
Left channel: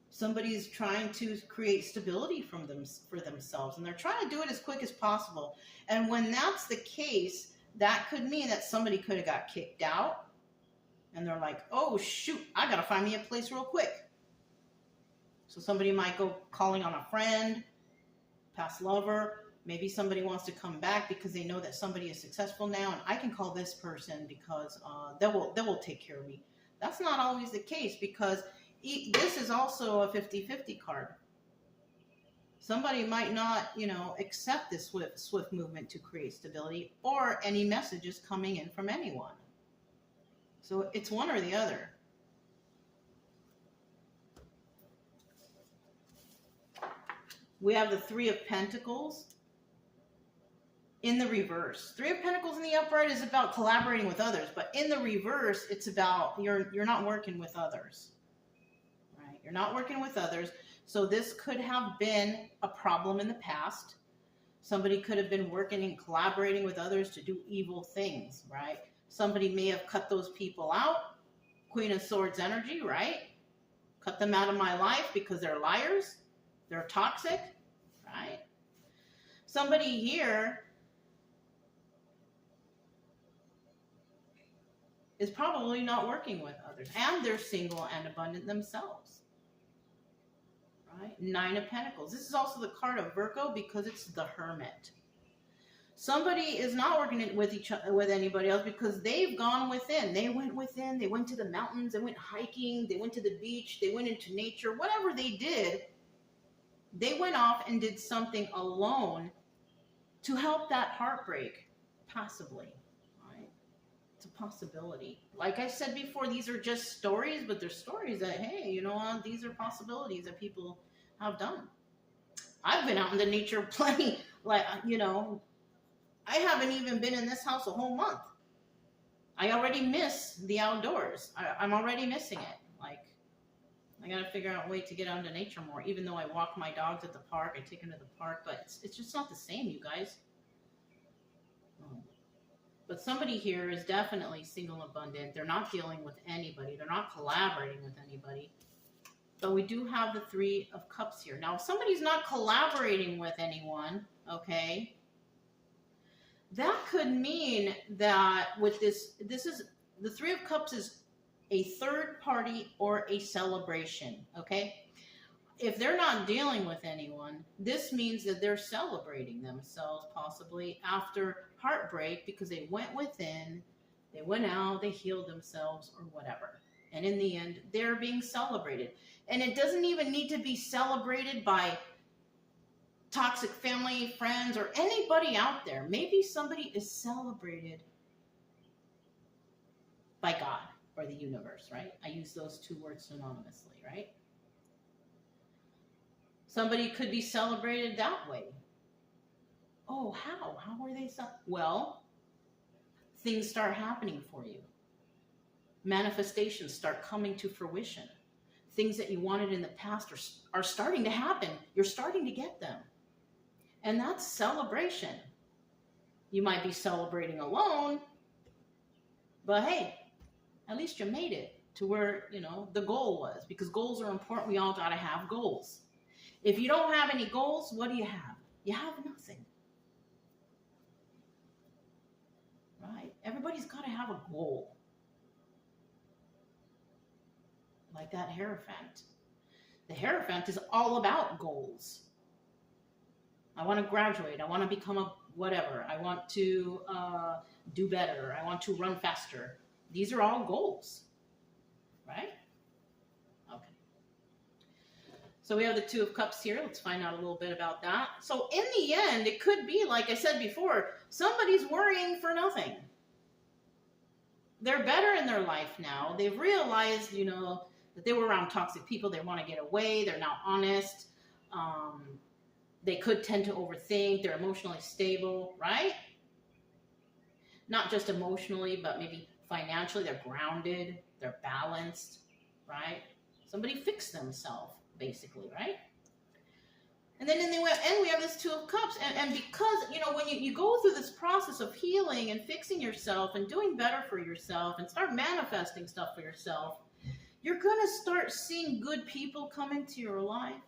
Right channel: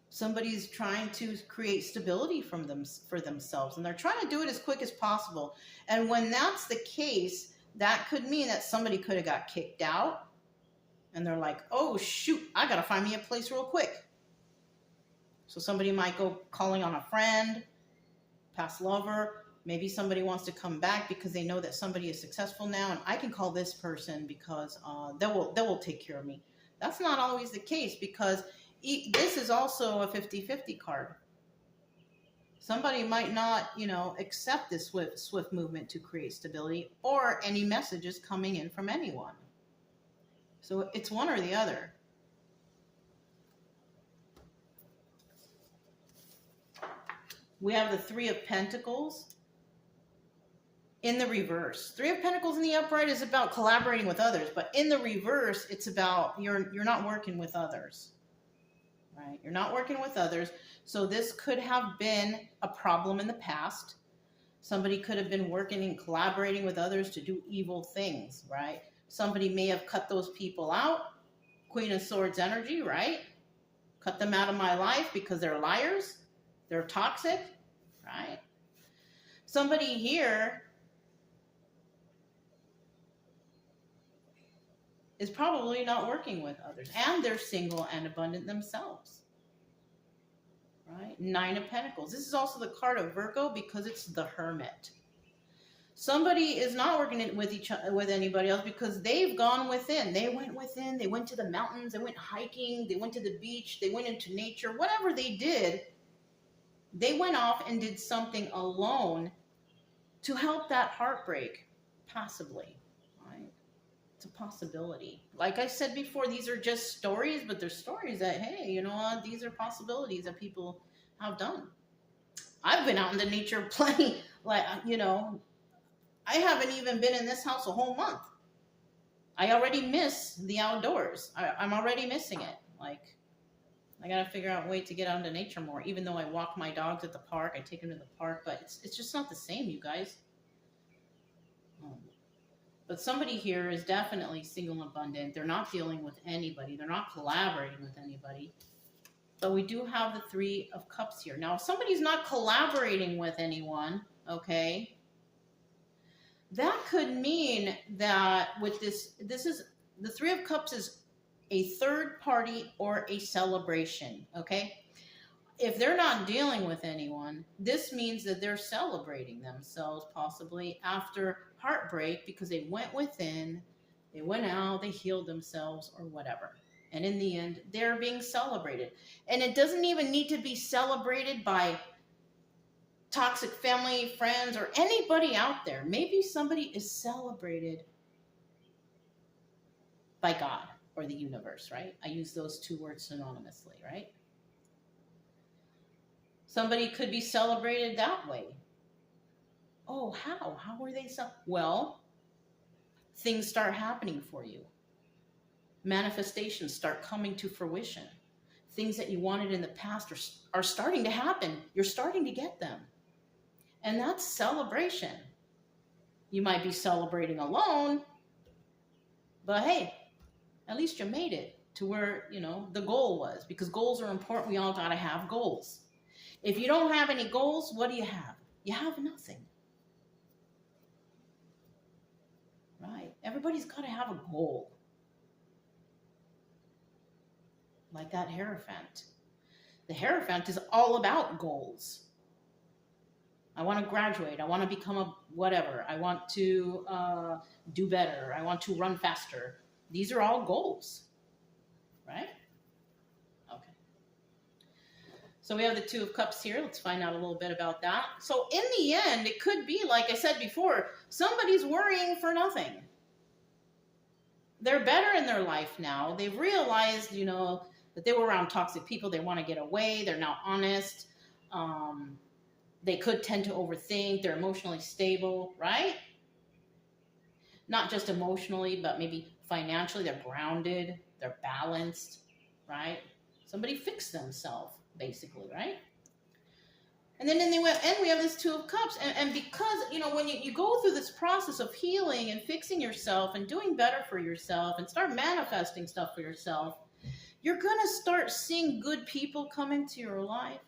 Somebody's trying to create stability for themselves, and they're trying to do it as quick as possible. And when that's the case, that could mean that somebody could have got kicked out, and they're like, oh, shoot, I got to find me a place real quick. So somebody might go calling on a friend, past lover. Maybe somebody wants to come back because they know that somebody is successful now, and I can call this person because they will take care of me. That's not always the case because this is also a 50-50 card. Somebody might not, you know, accept this swift movement to create stability or any messages coming in from anyone. So it's one or the other. We have the Three of Pentacles in the reverse. Three of Pentacles in the upright is about collaborating with others, but in the reverse, it's about you're not working with others. Right? You're not working with others. So this could have been a problem in the past. Somebody could have been working and collaborating with others to do evil things, right? Somebody may have cut those people out. Queen of Swords energy, right? Cut them out of my life because they're liars. They're toxic, right? Somebody here is probably not working with others, and they're single and abundant themselves, right? Nine of Pentacles. This is also the card of Virgo because it's the Hermit. Somebody is not working with anybody else because they've gone within. They went within. They went to the mountains. They went hiking. They went to the beach. They went into nature. Whatever they did, they went off and did something alone to help that heartbreak passively. It's a possibility. Like I said before, these are just stories, but they're stories that, hey, you know what? These are possibilities that people have done. I've been out in the nature plenty, like, you know, I haven't even been in this house a whole month. I already miss the outdoors. I'm already missing it. Like, I got to figure out a way to get out into nature more, even though I walk my dogs at the park. I take them to the park, but it's just not the same, you guys. But somebody here is definitely single and abundant. They're not dealing with anybody. They're not collaborating with anybody. But we do have the Three of Cups here. Now, if somebody's not collaborating with anyone, okay, that could mean that with this is the Three of Cups is a third party or a celebration, okay? If they're not dealing with anyone, this means that they're celebrating themselves possibly after heartbreak because they went within, they went out, they healed themselves or whatever. And in the end, they're being celebrated. And it doesn't even need to be celebrated by toxic family, friends, or anybody out there. Maybe somebody is celebrated by God or the universe, right? I use those two words synonymously, right? Somebody could be celebrated that way. Oh, how? How were they Well, things start happening for you. Manifestations start coming to fruition. Things that you wanted in the past are starting to happen. You're starting to get them. And that's celebration. You might be celebrating alone, but hey, at least you made it to where, the goal was. Because goals are important. We all got to have goals. If you don't have any goals, what do you have? You have nothing. Right? Everybody's got to have a goal. Like that Hierophant. The Hierophant is all about goals. I want to graduate. I want to become a whatever. I want to do better. I want to run faster. These are all goals. Right? Okay. So we have the Two of Cups here. Let's find out a little bit about that. So in the end, it could be, like I said before, somebody's worrying for nothing. They're better in their life now. They've realized, that they were around toxic people. They want to get away. They're not honest. They could tend to overthink. They're emotionally stable, right? Not just emotionally, but maybe financially. They're grounded. They're balanced, right? Somebody fixed themselves, basically, right? And then in the end, we have this Two of Cups. And because, when you go through this process of healing and fixing yourself and doing better for yourself and start manifesting stuff for yourself, you're going to start seeing good people come into your life.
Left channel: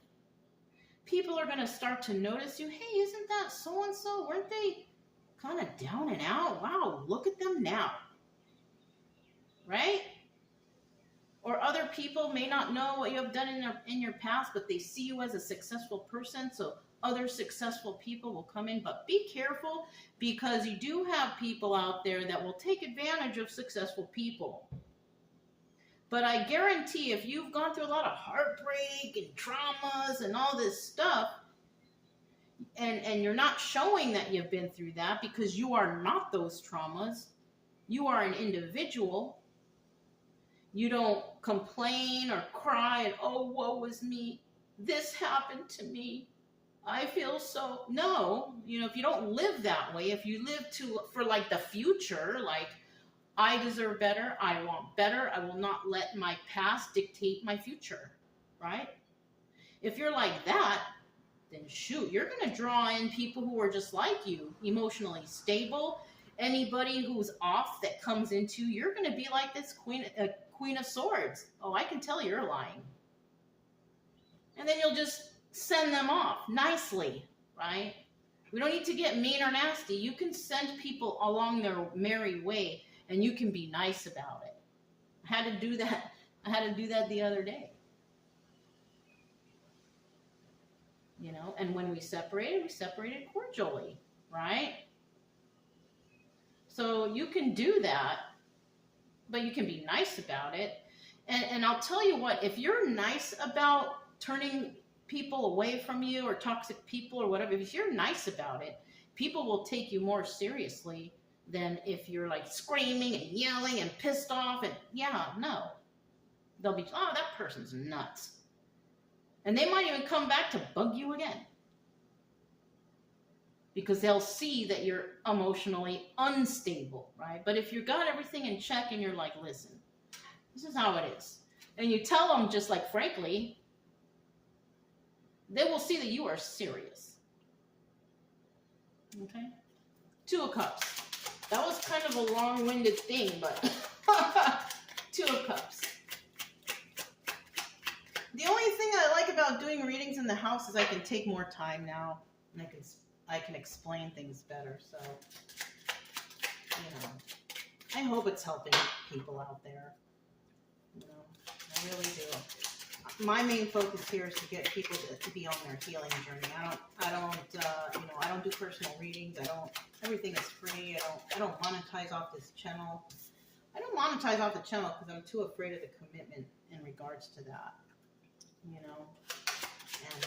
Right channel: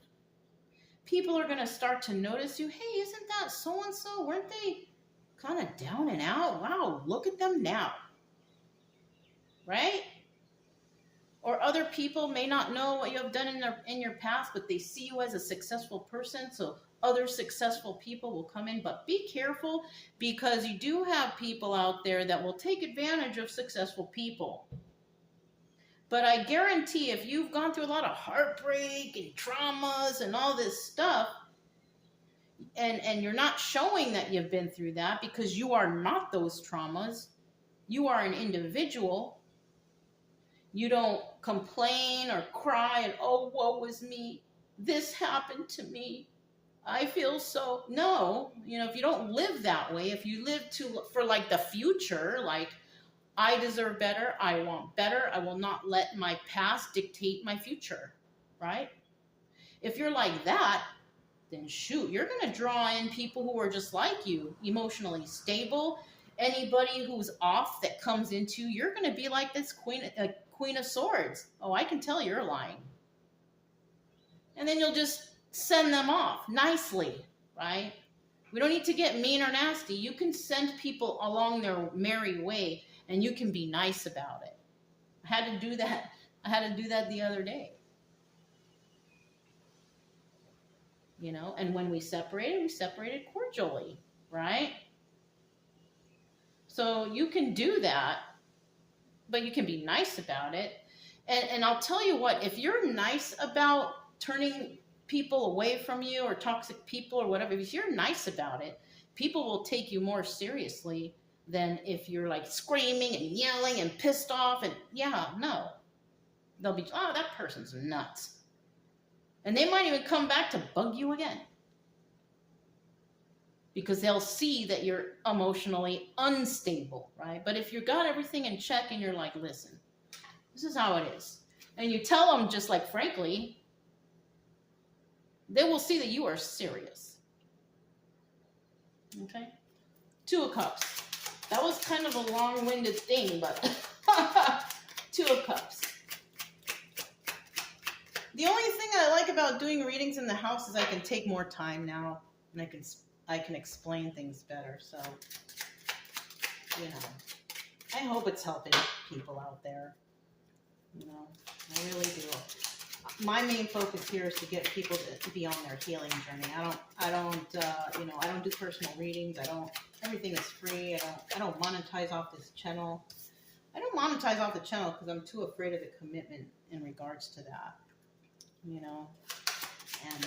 People are going to start to notice you. Hey, isn't that so-and-so? Weren't they kind of down and out? Wow, look at them now. Right? Or other people may not know what you have done in your past, but they see you as a successful person, so other successful people will come in. But be careful, because you do have people out there that will take advantage of successful people. But I guarantee if you've gone through a lot of heartbreak and traumas and all this stuff, and you're not showing that you've been through that because you are not those traumas, you are an individual. You don't complain or cry and, oh, woe is me. This happened to me. I feel so. No, if you don't live that way, if you live for like the future, like, I deserve better, I want better, I will not let my past dictate my future, right? If you're like that, then shoot, you're going to draw in people who are just like you, emotionally stable. Anybody who's off that comes into, you're going to be like this Queen of Swords. Oh, I can tell you're lying. And then you'll just send them off nicely, right? We don't need to get mean or nasty. You can send people along their merry way, and you can be nice about it. I had to do that the other day. And when we separated cordially, right? So you can do that, but you can be nice about it. And I'll tell you what, if you're nice about turning people away from you or toxic people or whatever, if you're nice about it, people will take you more seriously than if you're like screaming and yelling and pissed off. And no. They'll be, oh, that person's nuts. And they might even come back to bug you again. Because they'll see that you're emotionally unstable, right? But if you've got everything in check and you're like, listen, this is how it is. And you tell them just like frankly, they will see that you are serious. Okay? Two of Cups. That was kind of a long-winded thing, but Two of Cups. The only thing I like about doing readings in the house is I can take more time now, and I can explain things better. So you know, I hope it's helping people out there. You know, I really do. My main focus here is to get people to be on their healing journey. I don't do personal readings. Everything is free. I don't monetize off this channel. I don't monetize off the channel because I'm too afraid of the commitment in regards to that. You know, and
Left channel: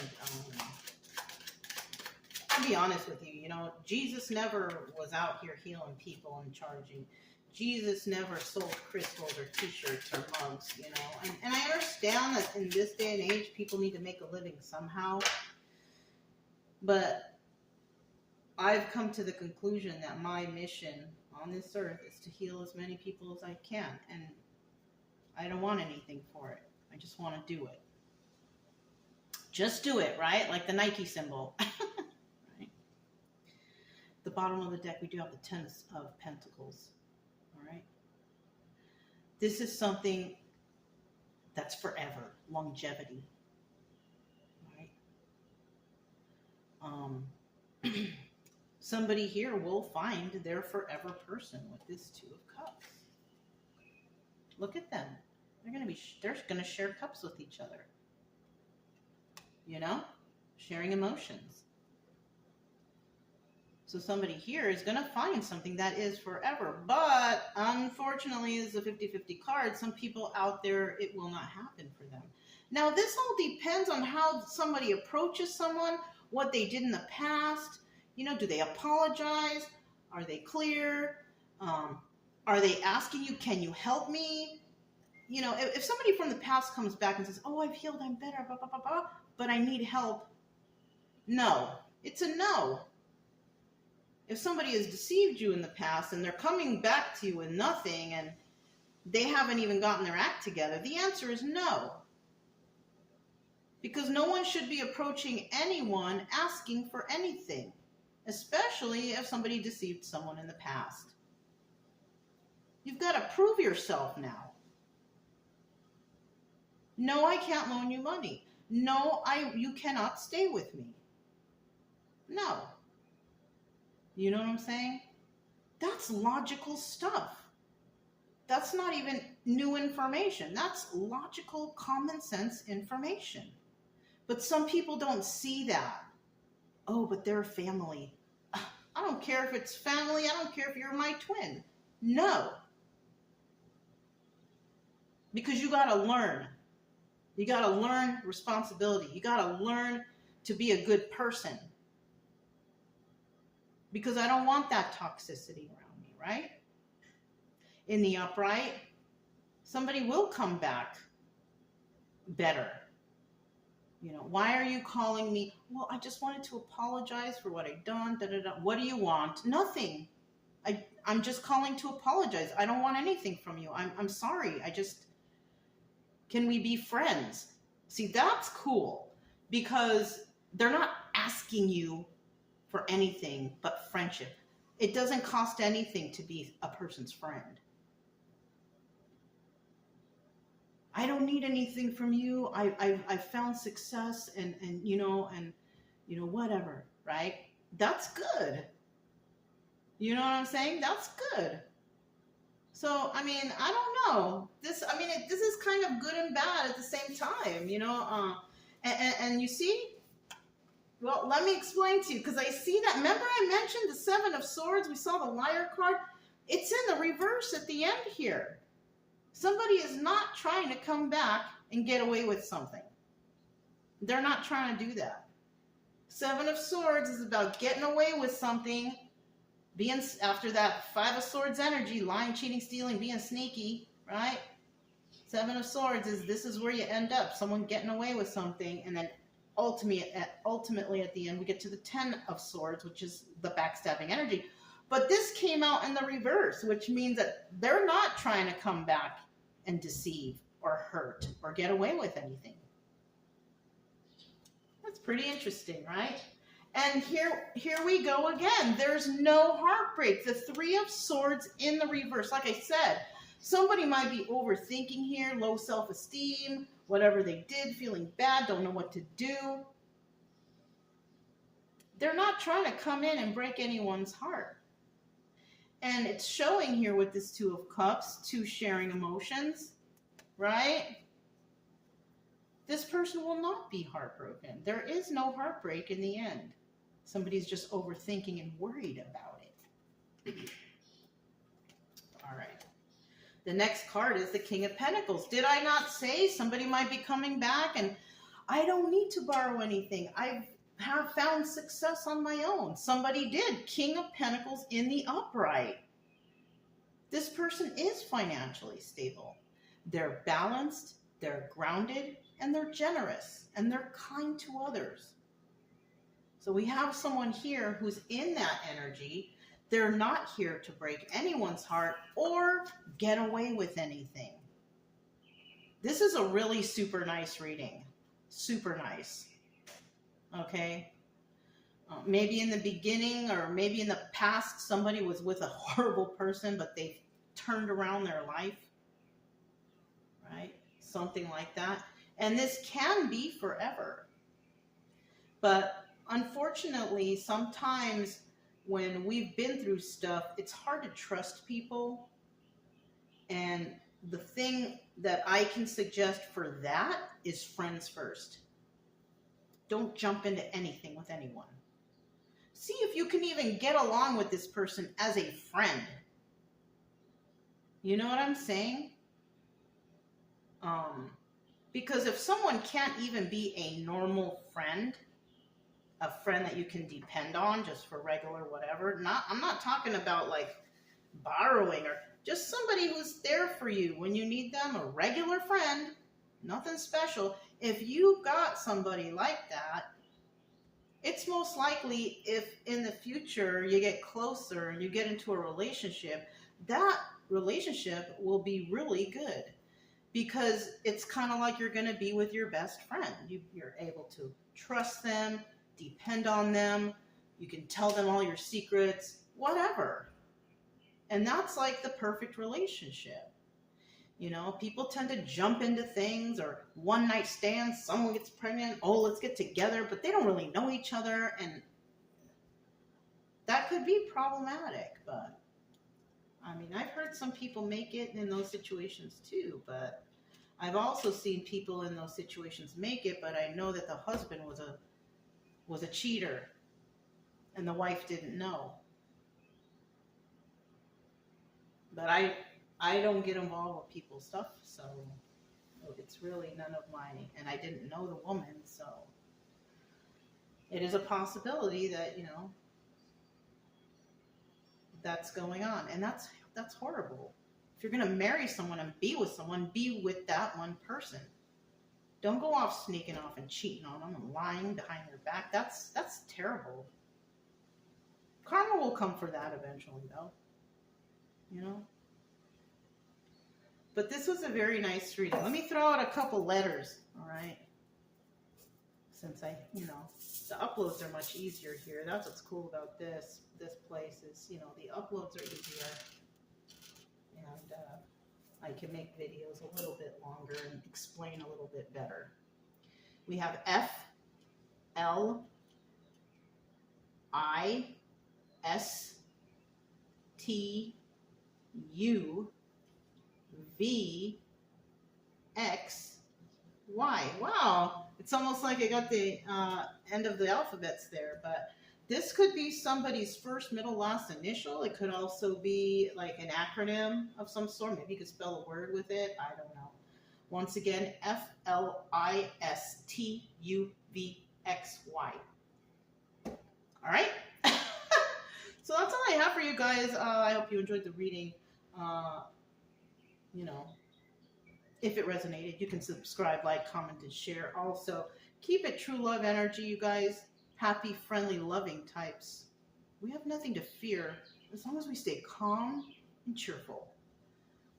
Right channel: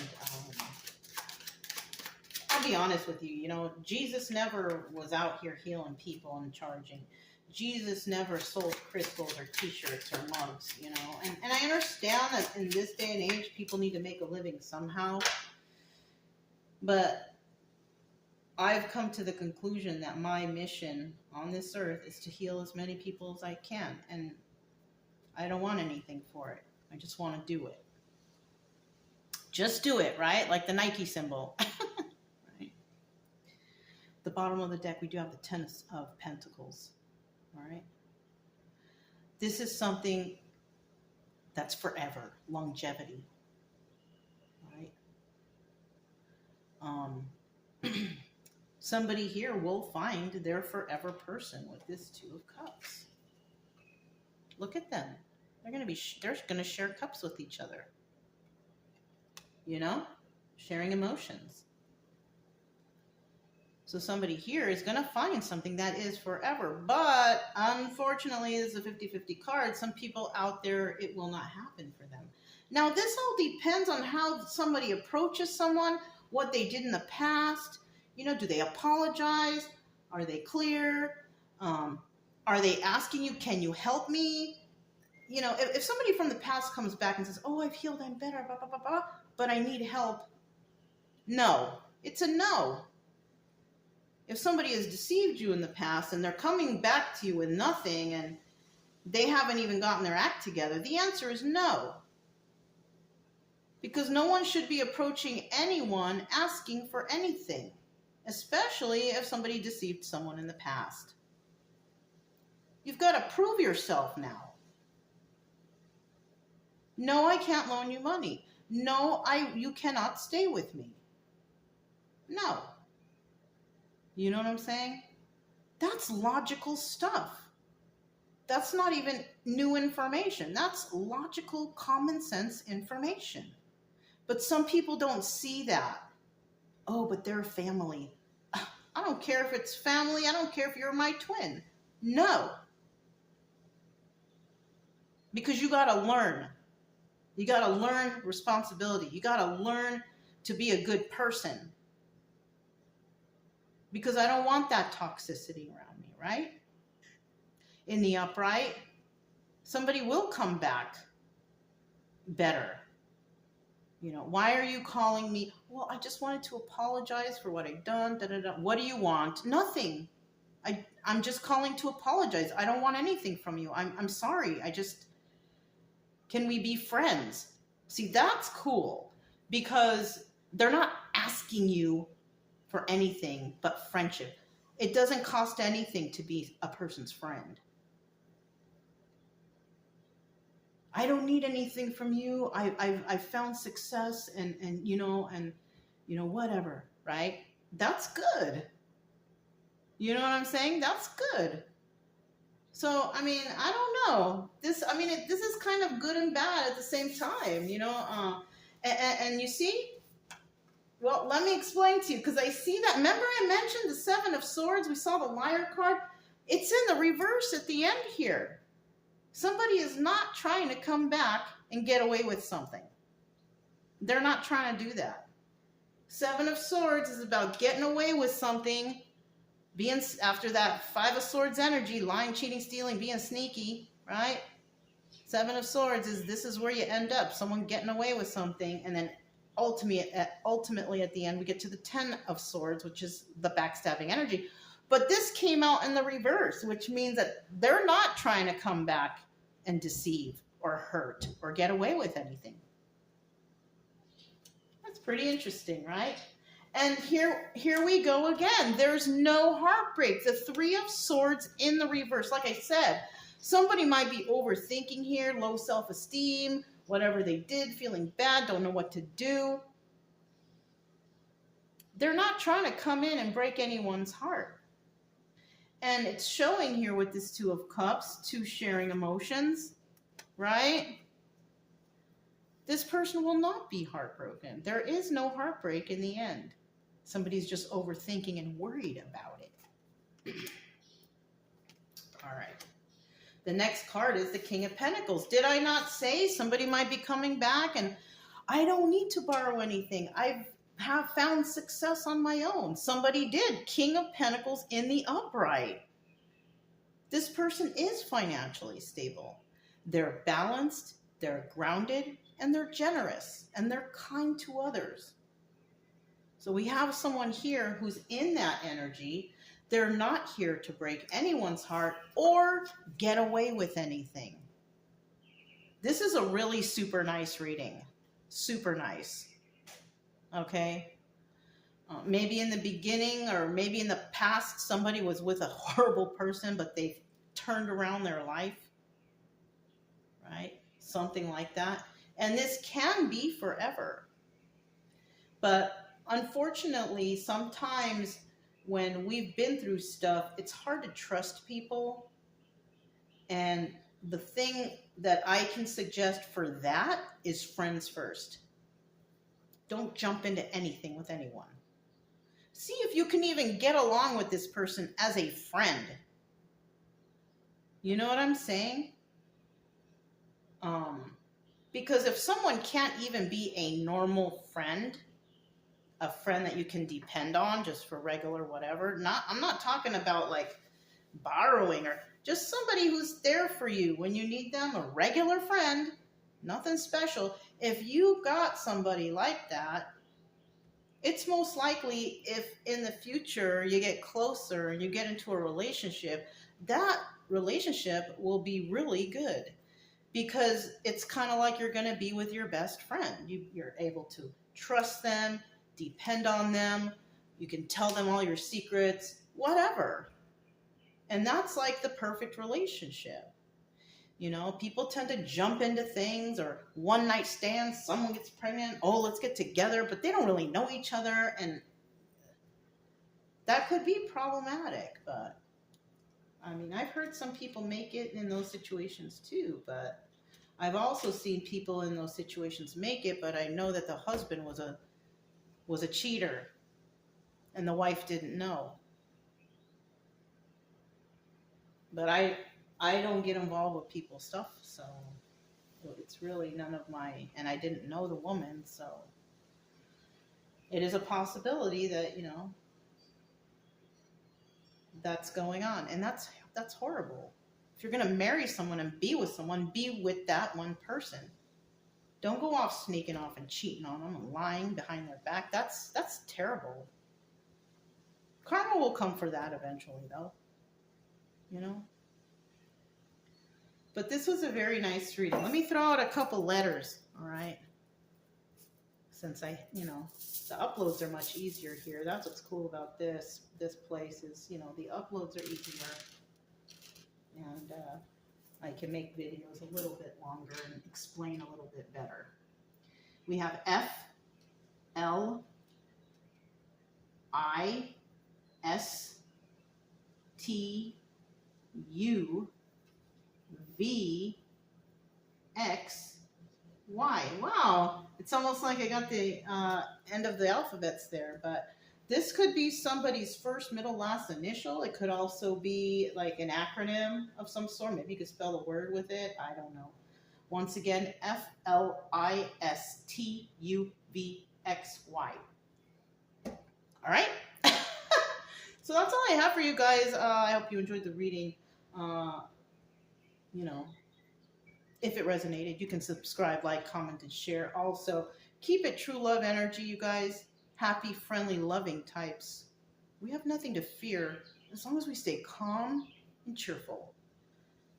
I'll be honest with you, you know, Jesus never was out here healing people and charging. Jesus never sold crystals or t-shirts or mugs, you know. And I understand that in this day and age, people need to make a living somehow. But I've come to the conclusion that my mission on this earth is to heal as many people as I can. And I don't want anything for it. I just want to do it. Just do it, right? Like the Nike symbol. Right? The bottom of the deck, we do have the Ten of Pentacles. All right. This is something that's forever, longevity. All right. Somebody here will find their forever person with this Two of Cups. Look at them. They're going to share cups with each other. You know, sharing emotions. So somebody here is going to find something that is forever. But unfortunately, this is a 50-50 card. Some people out there, it will not happen for them. Now, this all depends on how somebody approaches someone, what they did in the past. You know, do they apologize? Are they clear? Are they asking you, can you help me? You know, if somebody from the past comes back and says, oh, I've healed, I'm better, blah, blah, blah, blah, but I need help. No, it's a no. If somebody has deceived you in the past and they're coming back to you with nothing and they haven't even gotten their act together, the answer is no. Because no one should be approaching anyone asking for anything, especially if somebody deceived someone in the past. You've got to prove yourself now. No, I can't loan you money. No, you cannot stay with me. No. You know what I'm saying? That's logical stuff. That's not even new information. That's logical, common sense information. But some people don't see that. Oh, but they're family. I don't care if it's family. I don't care if you're my twin. No. Because you got to learn. You got to learn responsibility. You got to learn to be a good person. Because I don't want that toxicity around me, right? In the upright, somebody will come back better. You know, why are you calling me? Well, I just wanted to apologize for what I've done. Da, da, da. What do you want? Nothing. I'm just calling to apologize. I don't want anything from you. I'm sorry. Can we be friends? See, that's cool because they're not asking you for anything but friendship. It doesn't cost anything to be a person's friend. I don't need anything from you. I've found success and whatever, right? That's good. You know what I'm saying? That's good. So, I mean, I don't know. This is kind of good and bad at the same time, you know. And you see, well, let me explain to you, because I see that. Remember I mentioned the Seven of Swords? We saw the Liar card. It's in the reverse at the end here. Somebody is not trying to come back and get away with something. They're not trying to do that. Seven of Swords is about getting away with something, being after that Five of Swords energy, lying, cheating, stealing, being sneaky, right? Seven of Swords this is where you end up, someone getting away with something, and then ultimately at the end we get to the Ten of Swords, which is the backstabbing energy. But this came out in the reverse, which means that they're not trying to come back and deceive or hurt or get away with anything. That's pretty interesting, right? And here we go again. There's no heartbreak. The Three of Swords in the reverse. Like I said, somebody might be overthinking here, low self-esteem, whatever they did, feeling bad, don't know what to do. They're not trying to come in and break anyone's heart. And it's showing here with this Two of Cups, two sharing emotions, right? This person will not be heartbroken. There is no heartbreak in the end. Somebody's just overthinking and worried about it. All right. The next card is the King of Pentacles. Did I not say somebody might be coming back and I don't need to borrow anything? I have found success on my own. Somebody did. King of Pentacles in the upright. This person is financially stable. They're balanced, they're grounded, and they're generous, and they're kind to others. So we have someone here who's in that energy. They're not here to break anyone's heart or get away with anything. This is a really super nice reading. Super nice. Okay? Maybe in the beginning or maybe in the past, somebody was with a horrible person, but they've turned around their life. Right? Something like that. And this can be forever. But unfortunately, sometimes when we've been through stuff, it's hard to trust people. And the thing that I can suggest for that is friends first. Don't jump into anything with anyone. See if you can even get along with this person as a friend. You know what I'm saying? Because if someone can't even be a normal friend, a friend that you can depend on just for regular whatever, I'm not talking about like borrowing or just somebody who's there for you when you need them, a regular friend, nothing special. If you got somebody like that, it's most likely if in the future you get closer and you get into a relationship, that relationship will be really good. Because it's kind of like you're going to be with your best friend. You're able to trust them, depend on them. You can tell them all your secrets, whatever. And that's like the perfect relationship. You know, people tend to jump into things or one night stands, someone gets pregnant, oh, let's get together, but they don't really know each other. And that could be problematic, but I mean, I've heard some people make it in those situations too, but I've also seen people in those situations make it, but I know that the husband was a cheater and the wife didn't know. But I don't get involved with people's stuff, so it's really none of my, and I didn't know the woman, so it is a possibility that, you know, that's going on, and that's horrible. If you're going to marry someone and be with someone, be with that one person. Don't go off sneaking off and cheating on them and lying behind their back. That's terrible. Karma will come for that eventually, though. You know? But this was a very nice reading. Let me throw out a couple letters, all right? Since the uploads are much easier here. That's what's cool about this place is, you know, the uploads are easier. And I can make videos a little bit longer and explain a little bit better. We have F, L, I, S, T, U, V, X, Y. Wow, it's almost like I got the end of the alphabets there, but this could be somebody's first, middle, last initial. It could also be like an acronym of some sort. Maybe you could spell a word with it. I don't know. Once again, FLISTUVXY. All right. So that's all I have for you guys. I hope you enjoyed the reading. You know, if it resonated, you can subscribe, like, comment, and share. Also, keep it true love energy, you guys. Happy, friendly, loving types. We have nothing to fear as long as we stay calm and cheerful.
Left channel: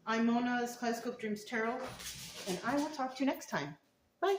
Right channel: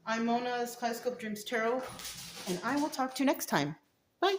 I'm Mona's Kaleidoscope Dreams Tarot, and I will talk to you next time. Bye.